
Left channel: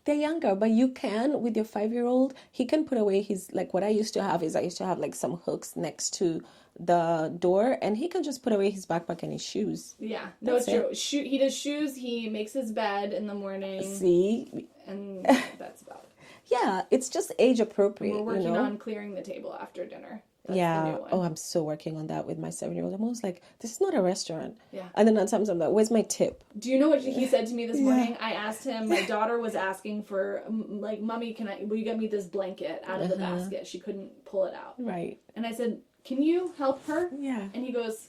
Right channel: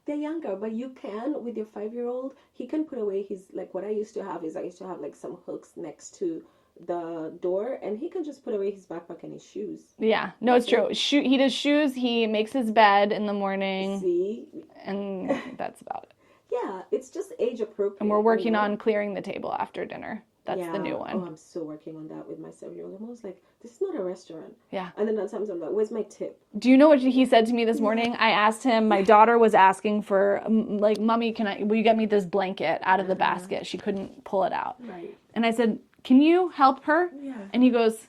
they're younger, but you can, with your 5-year-old, he can put away his, like what I used to have is I used to have like some hooks next to the door, and he can just put away his backpack and his shoes. yeah, no, it's true. He does shoes. He makes his bed in the morning. See? And that's about it. Yeah, it's just age appropriate. And we're working on clearing the table after dinner. That's the new one. Oh, I'm still working on that with my 7-year-old. I'm always like, this is not a restaurant. Yeah. And then at times I'm like, where's my tip? Do you know what he said to me this morning? I asked him, my daughter was asking for, like, Mommy, will you get me this blanket out of the basket? She couldn't pull it out. Right. And I said, can you help her? Yeah. And he goes,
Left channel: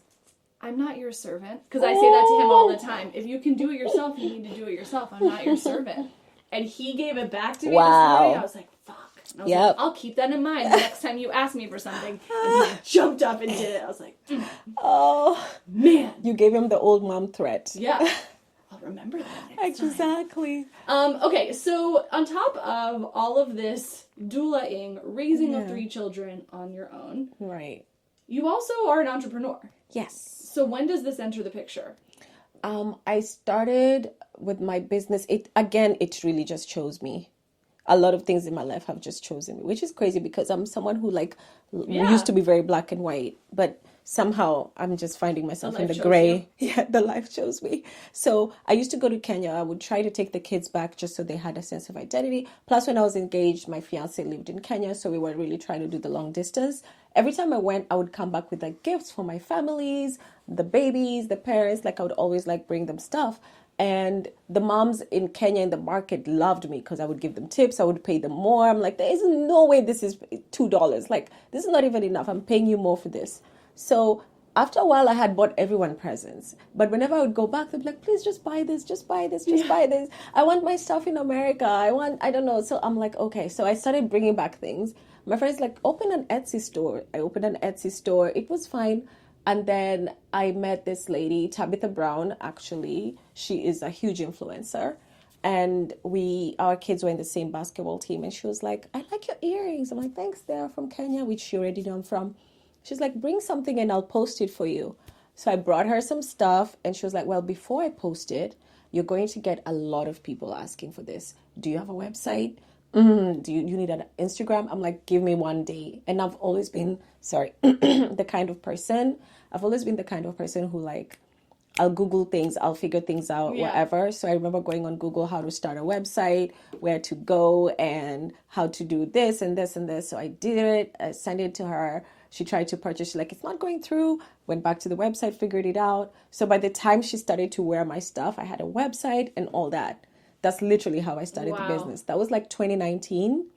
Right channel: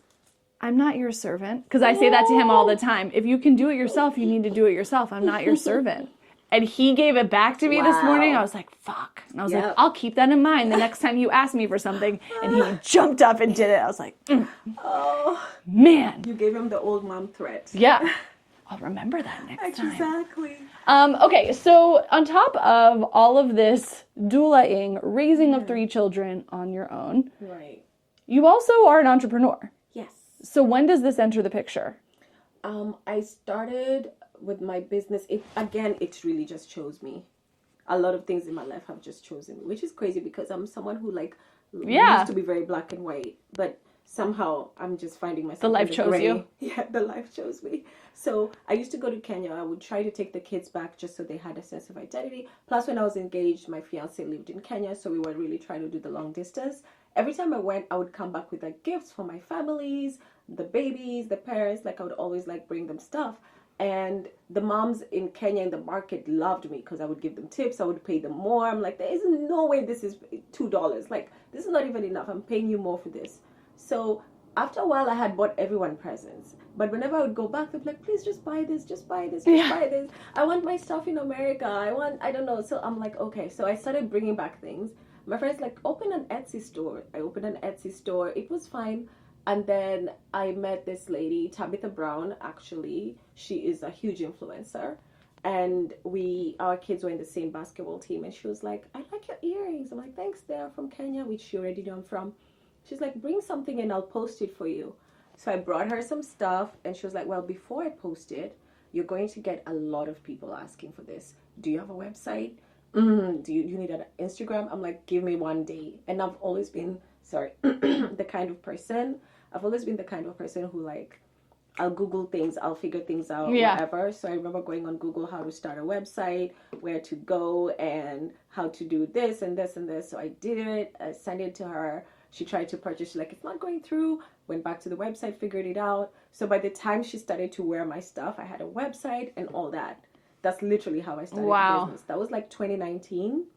I'm not your servant. Because I say that to him all the time. If you can do it yourself, you need to do it yourself. I'm not your servant. And he gave it back to me this morning. I was like, fuck. And I was like, I'll keep that in mind the next time you ask me for something. And he jumped up and did it. I was like, oh, man. You gave him the old mom threat. Yeah. I'll remember that next time. Exactly. Okay, so on top of all of this doulaing, raising of 3 children on your own, Right. you also are an entrepreneur. Yes. So when does this enter the picture? I started with my business. It really just chose me. A lot of things in my life have just chosen me, which is crazy because I'm someone who used to be very black and white, but somehow I'm just finding myself in the gray. Yeah, the life chose me. So I used to go to Kenya. I would try to take the kids back just so they had a sense of identity. Plus, when I was engaged, my fiance lived in Kenya, so we were really trying to do the long distance. Every time I went, I would come back with like gifts for my families, the babies, the parents. Like I would always like bring them stuff. And the moms in Kenya in the market loved me because I would give them tips. I would pay them more. I'm like, there is no way this is $2. Like, this is not even enough. I'm paying you more for this. So after a while, I had bought everyone presents. But whenever I would go back, they'd be like, please just buy this, just buy this, just buy this. I want my stuff in America. I don't know. So I'm like, okay. So I started bringing back things. My friend's like, open an Etsy store. I opened an Etsy store. It was fine. And then I met this lady, Tabitha Brown, actually. She is a huge influencer. And our kids were in the same basketball team. And she was like, I like your earrings. I'm like, thanks, they're from Kenya, which she already knew I'm from. She's like, bring something and I'll post it for you. So I brought her some stuff. And she was like, well, before I post it, you're going to get a lot of people asking for this. Do you have a website? Do you need an Instagram? I'm like, give me one day. And I've always been, the kind of person who like, I'll Google things, I'll figure things out, whatever. So I remember going on Google how to start a website, where to go, and how to do this and this and this. So I did it. I sent it to her. She tried to purchase, she's like, it's not going through. Went back to the website, figured it out. So by the time she started to wear my stuff, I had a website and all that. That's literally how I started the business. That was like 2019.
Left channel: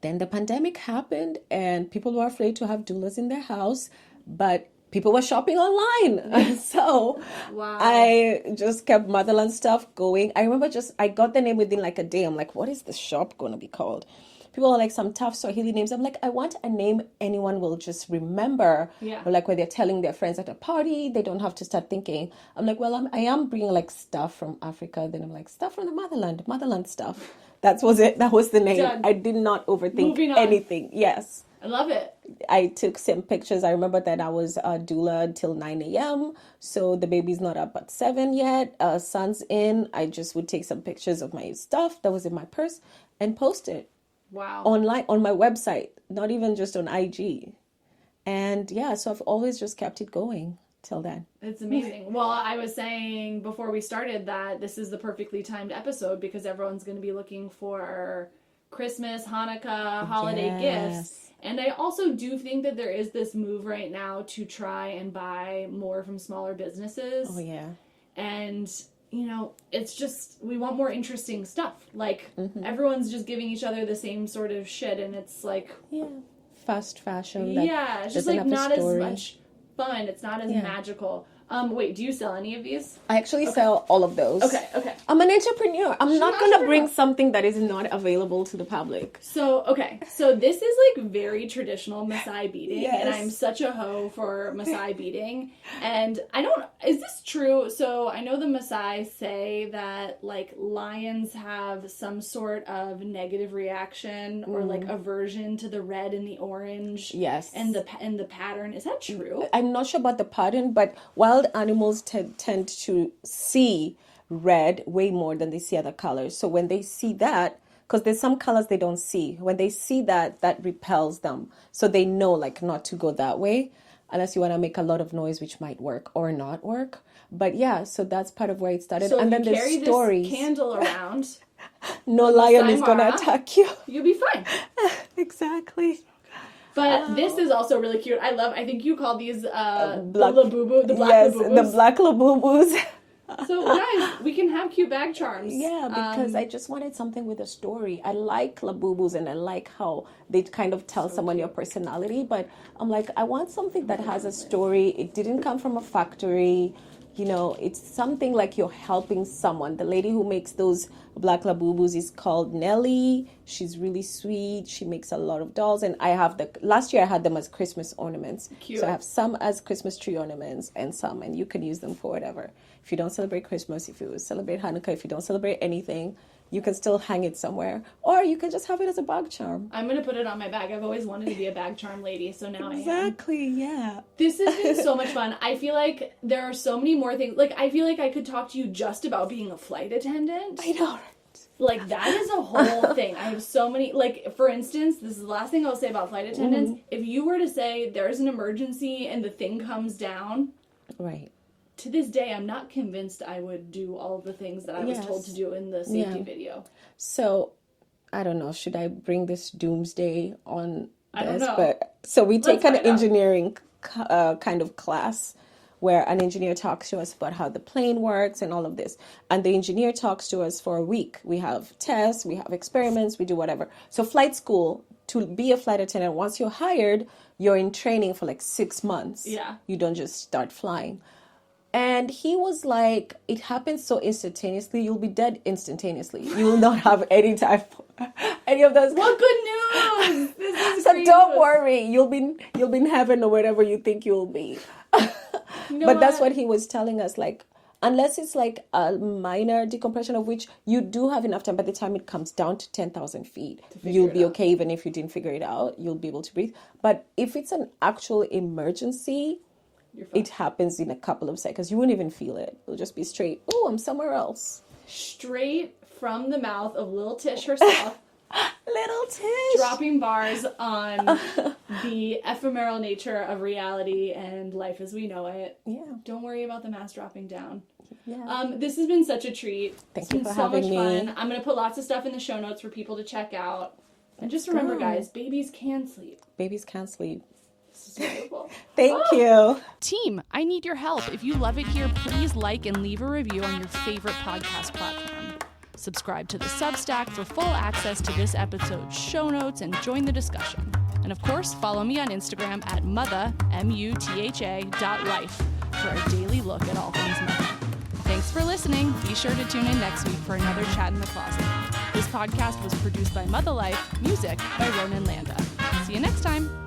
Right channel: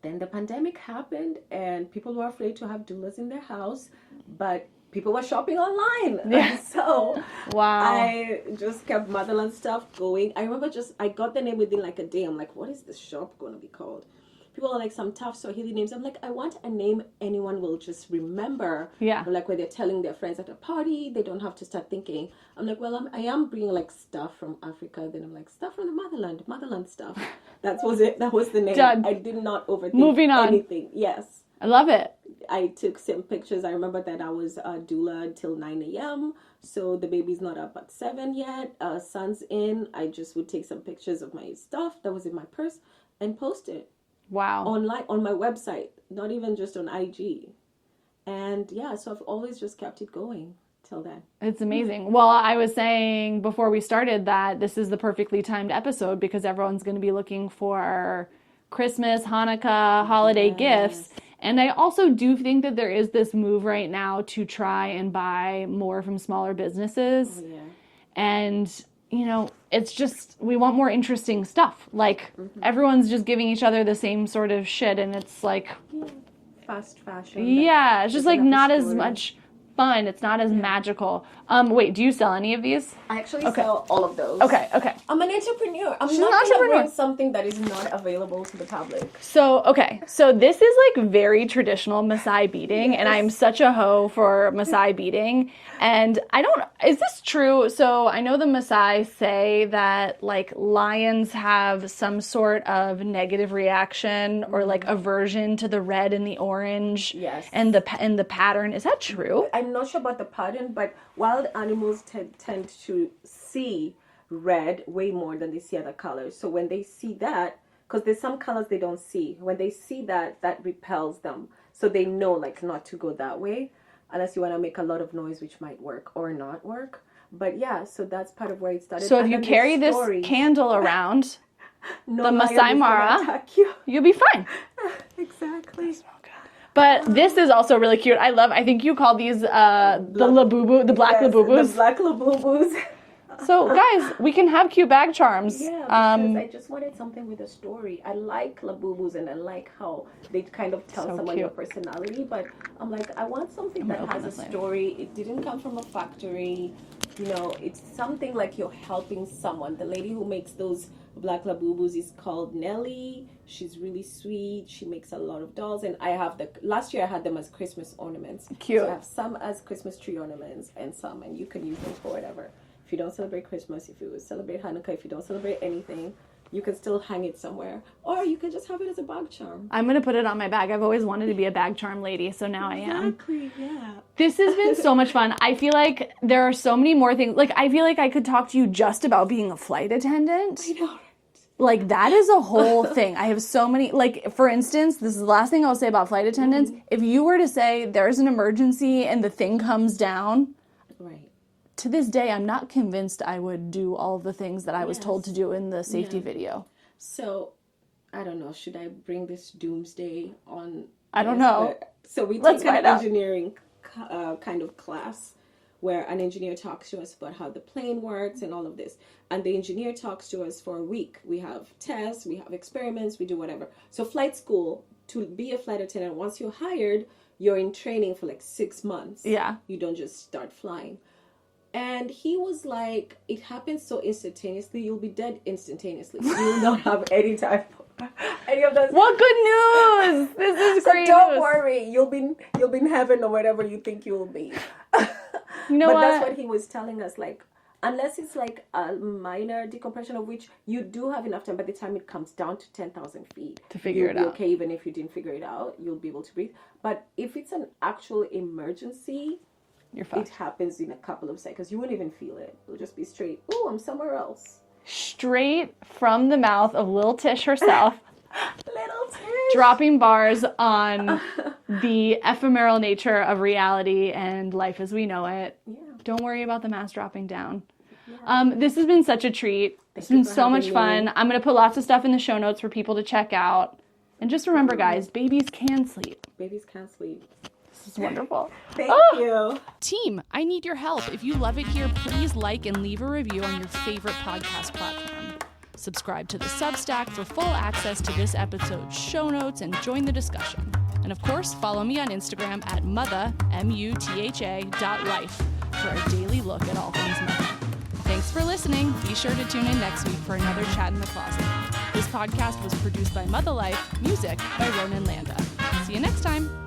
Then the pandemic happened and people were afraid to have doulas in their house, but people were shopping online. So I just kept Motherland stuff going. I remember I got the name within like a day. I'm like, what is the shop going to be called? People are like, some tough Swahili names. I'm like, I want a name anyone will just remember. Yeah. Like when they're telling their friends at a party, they don't have to start thinking. I'm like, well, I am bringing like stuff from Africa. Then I'm like, stuff from the motherland stuff. That was it. That was the name. Done. I did not overthink anything. Yes. I love it. I took some pictures. I remember that I was a doula until 9 a.m. So the baby's not up at 7 yet. Son's in. I just would take some pictures of my stuff that was in my purse and post it. Wow. Online, on my website, not even just on IG. And yeah, so I've always just kept it going till then. It's amazing. Well, I was saying before we started that this is the perfectly timed episode because everyone's going to be looking for Christmas, Hanukkah, holiday gifts. And I also do think that there is this move right now to try and buy more from smaller businesses. Oh, yeah. And, you know, it's just, we want more interesting stuff. Like, everyone's just giving each other the same sort of shit, and it's like... Yeah. Fast fashion. Yeah, it's just like not as much fun. It's not as magical. Wait, do you sell any of these? I actually sell all of those. Okay. I'm an entrepreneur. I'm not going to bring something that is not available to the public. So this is like very traditional Maasai beading, and I'm such a hoe for Maasai beading. And is this true? So I know the Maasai say that like lions have some sort of negative reaction or like aversion to the red and the orange. Yes. And the pattern. Is that true? I'm not sure about the pattern, but wild animals tend to see red way more than they see other colors. So when they see that, because there's some colors they don't see, when they see that repels them. So they know like not to go that way unless you want to make a lot of noise, which might work or not work. But yeah, so that's part of where it started. So if you carry this candle around, no lion is going to attack you. You'll be fine. Exactly. But this is also really cute. I think you call these the labubu, the black labubus. The black labubus. So guys, we can have cute bag charms. Yeah, because I just wanted something with a story. I like labubus and I like how they kind of tell someone your personality. But I'm like, I want something that has a story. It didn't come from a factory. You know, it's something like you're helping someone. The lady who makes those black labubus is called Nelly. She's really sweet. She makes a lot of dolls. And last year I had them as Christmas ornaments. Cute. So I have some as Christmas tree ornaments and you can use them for whatever. If you don't celebrate Christmas, if you celebrate Hanukkah, if you don't celebrate anything, you can still hang it somewhere. Or you can just have it as a bag charm. I'm going to put it on my bag. I've always wanted to be a bag charm lady, so now I am. Exactly, yeah. This has been so much fun. I feel like there are so many more things. Like, I feel like I could talk to you just about being a flight attendant. I know, right? Like, that is a whole thing. I have so many, like, for instance, this is the last thing I'll say about flight attendants. If you were to say there's an emergency and the thing comes down. Right. To this day, I'm not convinced I would do all the things that I was told to do in the safety video. So, I don't know. Should I bring this doomsday on? I don't know. But, so we take an engineering kind of class where an engineer talks to us about how the plane works and all of this. And the engineer talks to us for a week. We have tests, we have experiments, we do whatever. So flight school, to be a flight attendant, once you're hired, you're in training for like 6 months. Yeah. You don't just start flying. And he was like, it happens so instantaneously, you'll be dead instantaneously. You will not have any of those. What good news! This is great. So don't worry, you'll be in heaven or wherever you think you'll be. You know but what? that's what he was telling us, like, unless it's like a minor decompression of which you do have enough time by the time it comes down to 10,000 feet. You'll be okay even if you didn't figure it out. You'll be able to breathe. But if it's an actual emergency, it happens in a couple of seconds. You won't even feel it. It'll just be straight, oh, I'm somewhere else. Straight from the mouth of Lil Tish herself. Little Tish. Dropping bars on the ephemeral nature of reality and life as we know it. Yeah. Don't worry about the mask dropping down. Yeah. This has been such a treat. It's been so much fun. me. I'm going to put lots of stuff in the show notes for people to check out. And just remember, guys, babies can sleep. Babies can't sleep. is wonderful. Thank you. Team, I need your help. If you love it here, please like and leave a review on your favorite podcast platform. Subscribe to the Substack for full access to this episode's show notes and join the discussion. And of course, follow me on Instagram at mutha, mutha.life for a daily look at all things mother. Thanks for listening. Be sure to tune in next week for another Chat in the Closet. This podcast was produced by Mother Life, music by Ronan Landa. See you next time.